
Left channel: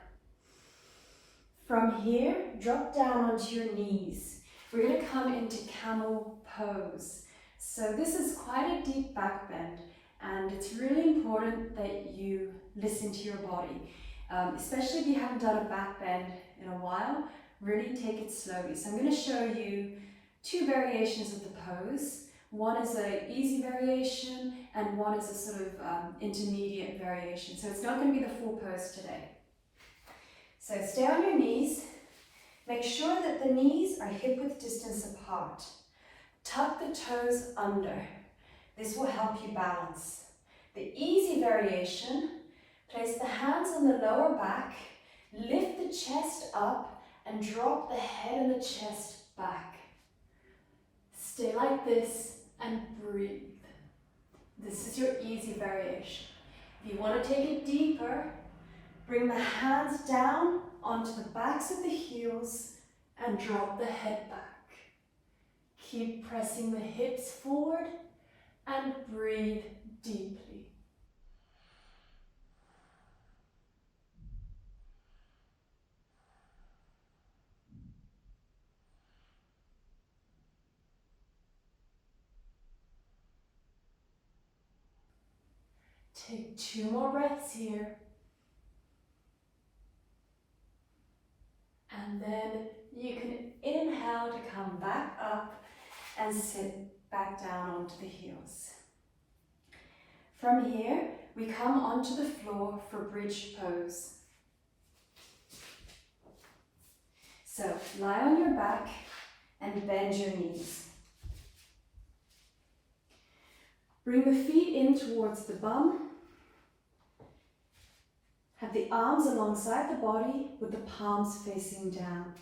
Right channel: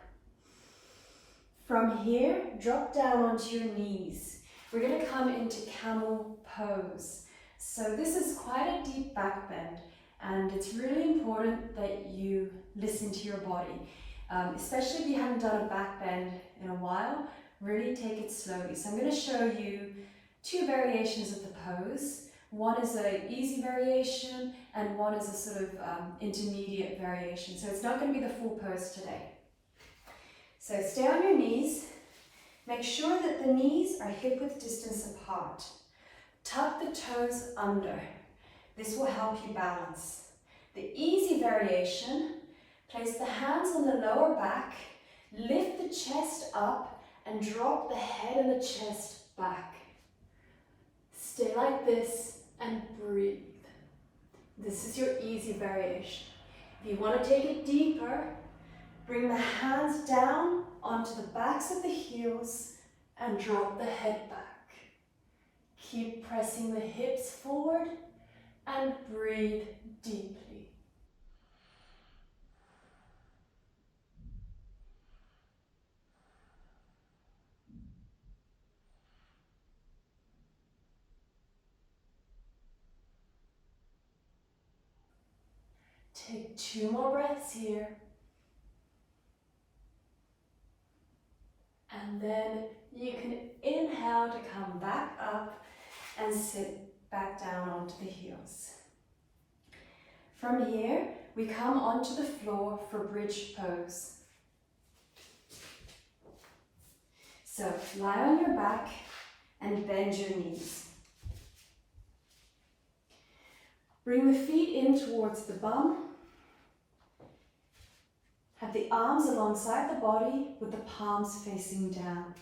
From here, drop down onto your knees. We're going to come into camel pose. So this is quite a deep back bend, and it's really important that you listen to your body. Especially if you haven't done a back bend in a while, really take it slowly. So I'm going to show you two variations of the pose. One is an easy variation and one is a sort of intermediate variation. So it's not going to be the full pose today. So stay on your knees. Make sure that the knees are hip-width distance apart. Tuck the toes under. This will help you balance. The easy variation, place the hands on the lower back, lift the chest up and drop the head and the chest back. Stay like this and breathe. This is your easy variation. If you want to take it deeper, bring the hands down onto the backs of the heels and drop the head back. Keep pressing the hips forward and breathe deeply. Take two more breaths here. And then you can inhale to come back up and sit back down onto the heels. From here, we come onto the floor for bridge pose. So lie on your back and bend your knees. Bring the feet in towards the bum. Have the arms alongside the body with the palms facing down.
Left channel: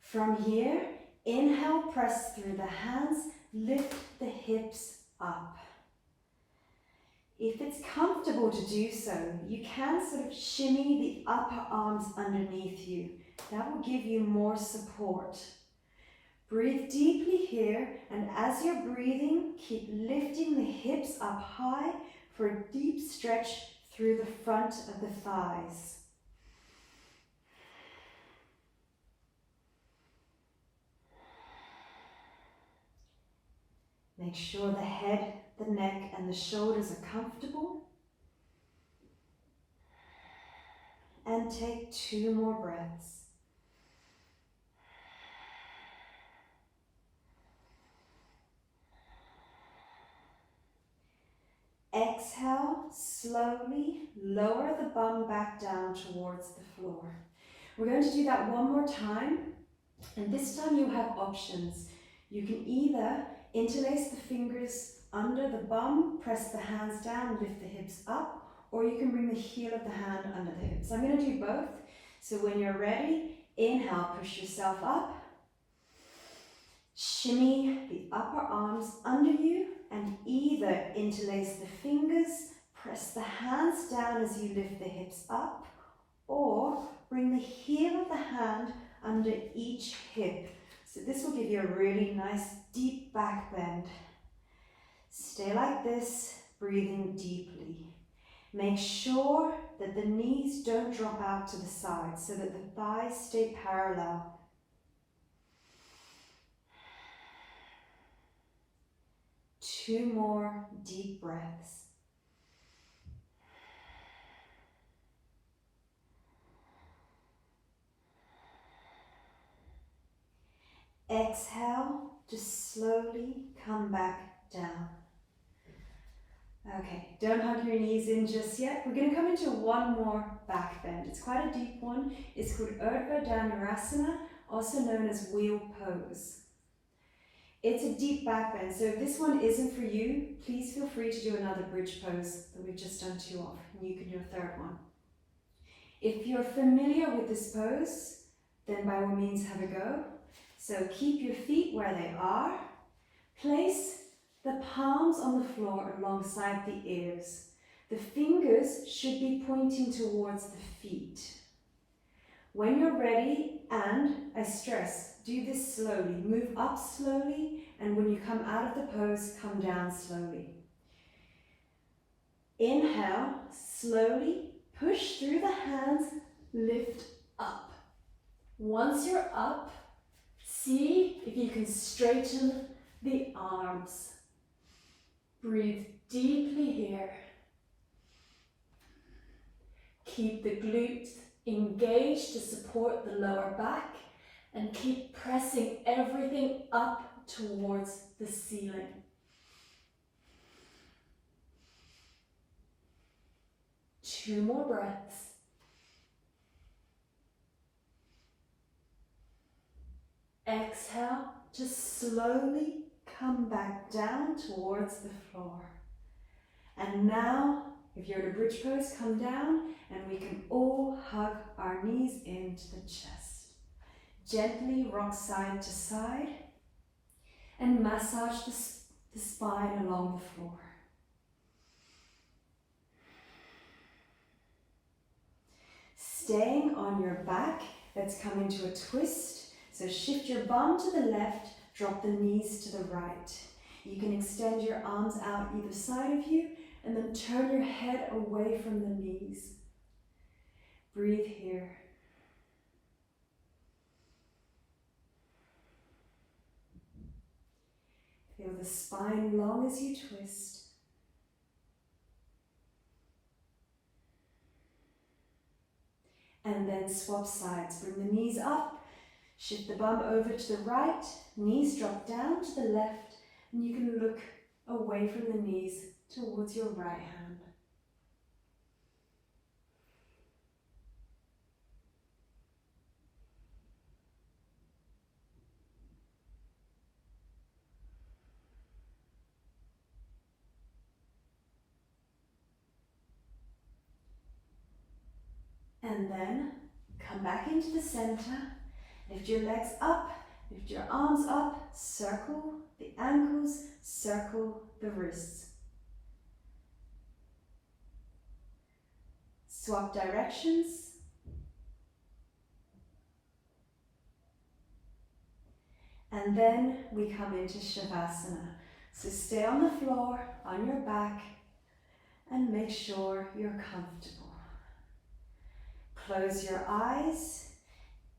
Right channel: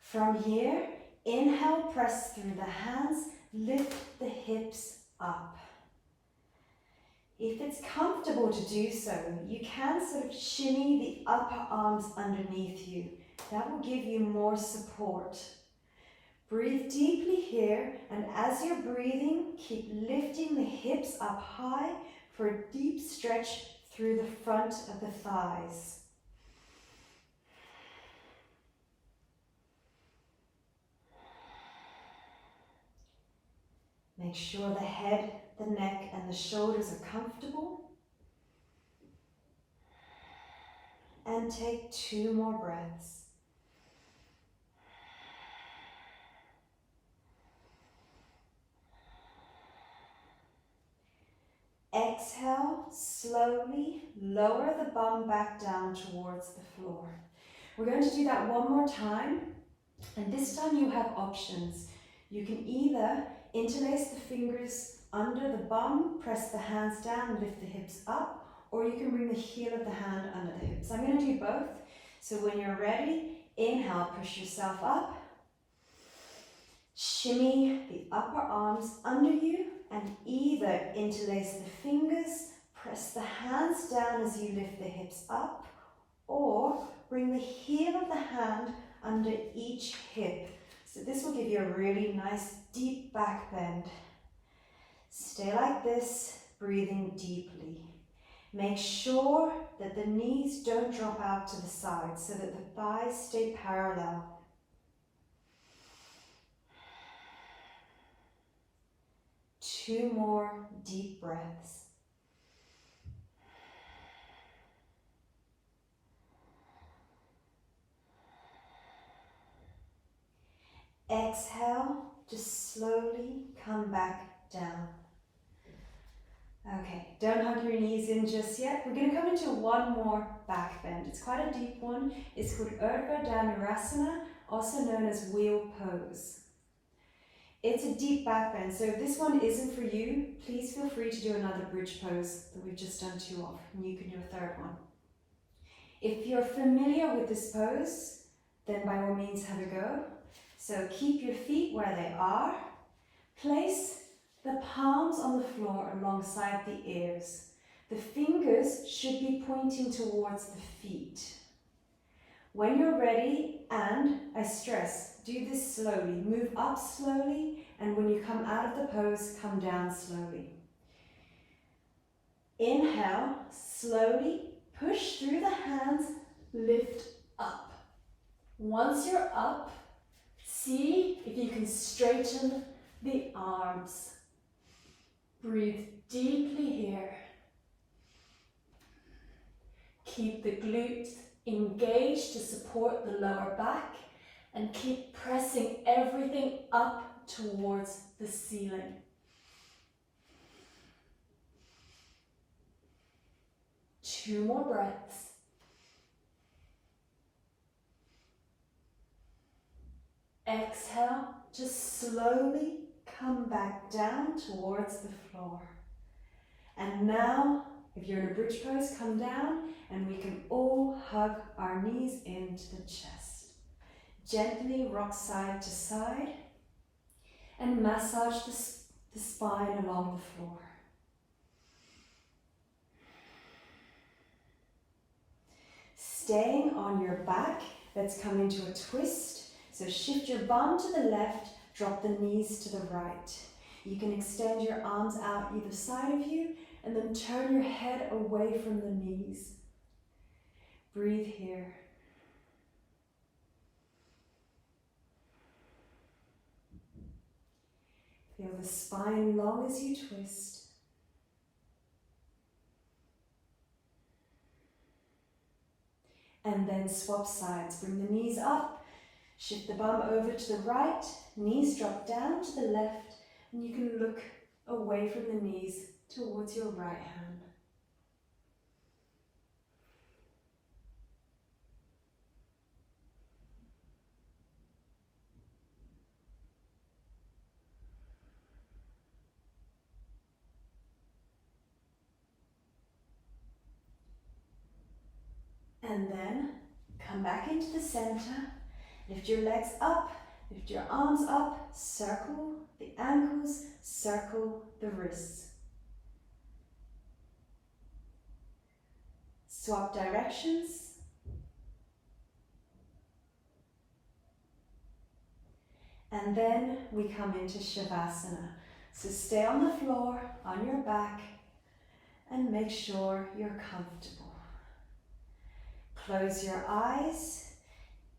From here, inhale, press through the hands, lift the hips up. If it's comfortable to do so, you can sort of shimmy the upper arms underneath you. That will give you more support. Breathe deeply here, and as you're breathing, keep lifting the hips up high for a deep stretch through the front of the thighs. Make sure the head, the neck, and the shoulders are comfortable. And take 2 more breaths. Exhale, slowly lower the bum back down towards the floor. We're going to do that one more time, and this time you have options. You can either interlace the fingers under the bum, press the hands down, lift the hips up, or you can bring the heel of the hand under the hips. I'm going to do both. So when you're ready, inhale, push yourself up. Shimmy the upper arms under you and either interlace the fingers, press the hands down as you lift the hips up, or bring the heel of the hand under each hip. So this will give you a really nice deep back bend. Stay like this, breathing deeply. Make sure that the knees don't drop out to the side so that the thighs stay parallel. Two more deep breaths. Exhale, just slowly come back down. Okay, don't hug your knees in just yet. We're going to come into one more back bend. It's quite a deep one. It's called Janu, also known as wheel pose. It's a deep back bend, so if this one isn't for you, please feel free to do another bridge pose that we've just done 2 of, and you can do a third one. If you're familiar with this pose, then by all means have a go. So keep your feet where they are. Place the palms on the floor alongside the ears. The fingers should be pointing towards the feet. When you're ready, and I stress, do this slowly. Move up slowly, and when you come out of the pose, come down slowly. Inhale, slowly push through the hands, lift up. Once you're up, see if you can straighten the arms. Breathe deeply here. Keep the glutes engaged to support the lower back and keep pressing everything up towards the ceiling. Two more breaths. Exhale, just slowly come back down towards the floor. And now, if you're in a bridge pose, come down and we can all hug our knees into the chest. Gently rock side to side and massage the spine along the floor. Staying on your back, let's come into a twist. So shift your bum to the left, drop the knees to the right. You can extend your arms out either side of you and then turn your head away from the knees. Breathe here. Feel the spine long as you twist. And then swap sides. Bring the knees up. Shift the bum over to the right, knees drop down to the left, and you can look away from the knees towards your right hand. And then come back into the center. Lift your legs up, lift your arms up, circle the ankles, circle the wrists. Swap directions. And then we come into Savasana. So stay on the floor, on your back, and make sure you're comfortable. Close your eyes.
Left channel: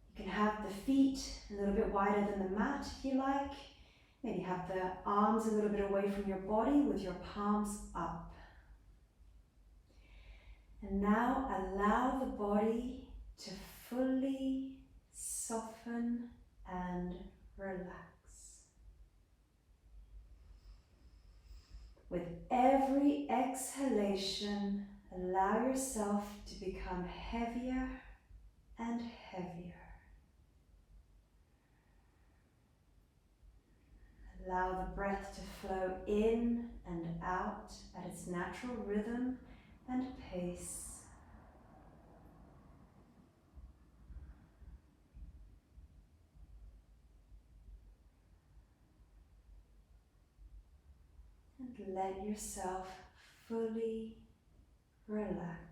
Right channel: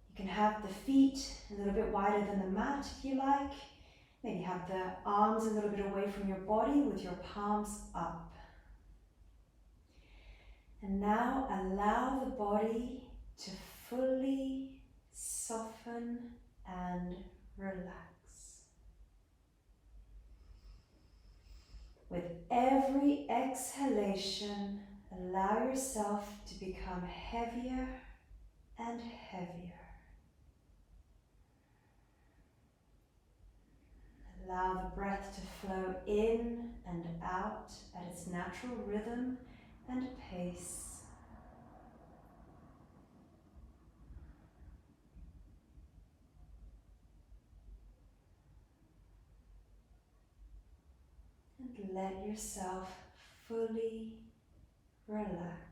You can have the feet a little bit wider than the mat if you like. Maybe have the arms a little bit away from your body with your palms up. And now allow the body to fully soften and relax. With every exhalation, allow yourself to become heavier and heavier. Allow the breath to flow in and out at its natural rhythm and pace. And let yourself fully relax.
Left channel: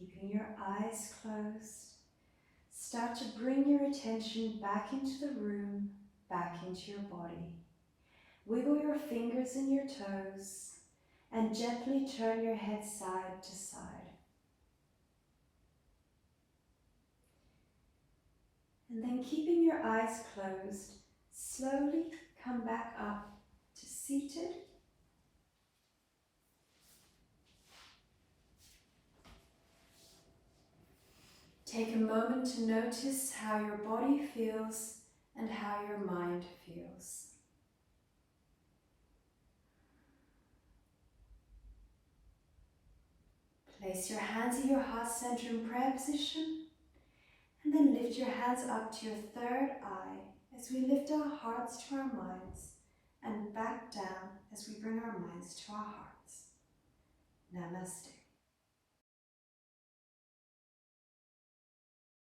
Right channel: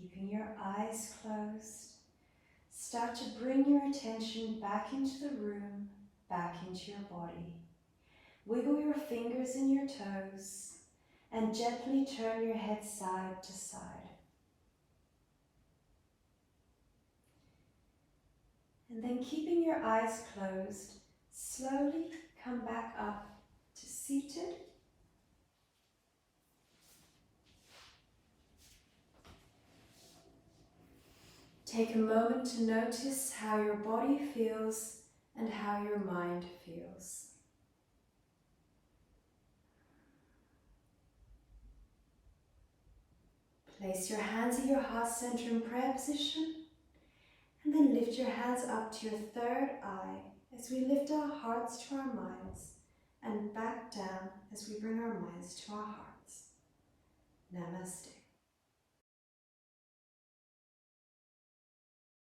Keeping your eyes closed, start to bring your attention back into the room, back into your body. Wiggle your fingers and your toes and gently turn your head side to side. And then keeping your eyes closed, slowly come back up to seated. Take a moment to notice how your body feels and how your mind feels. Place your hands at your heart center in prayer position, and then lift your hands up to your third eye as we lift our hearts to our minds, and back down as we bring our minds to our hearts. Namaste.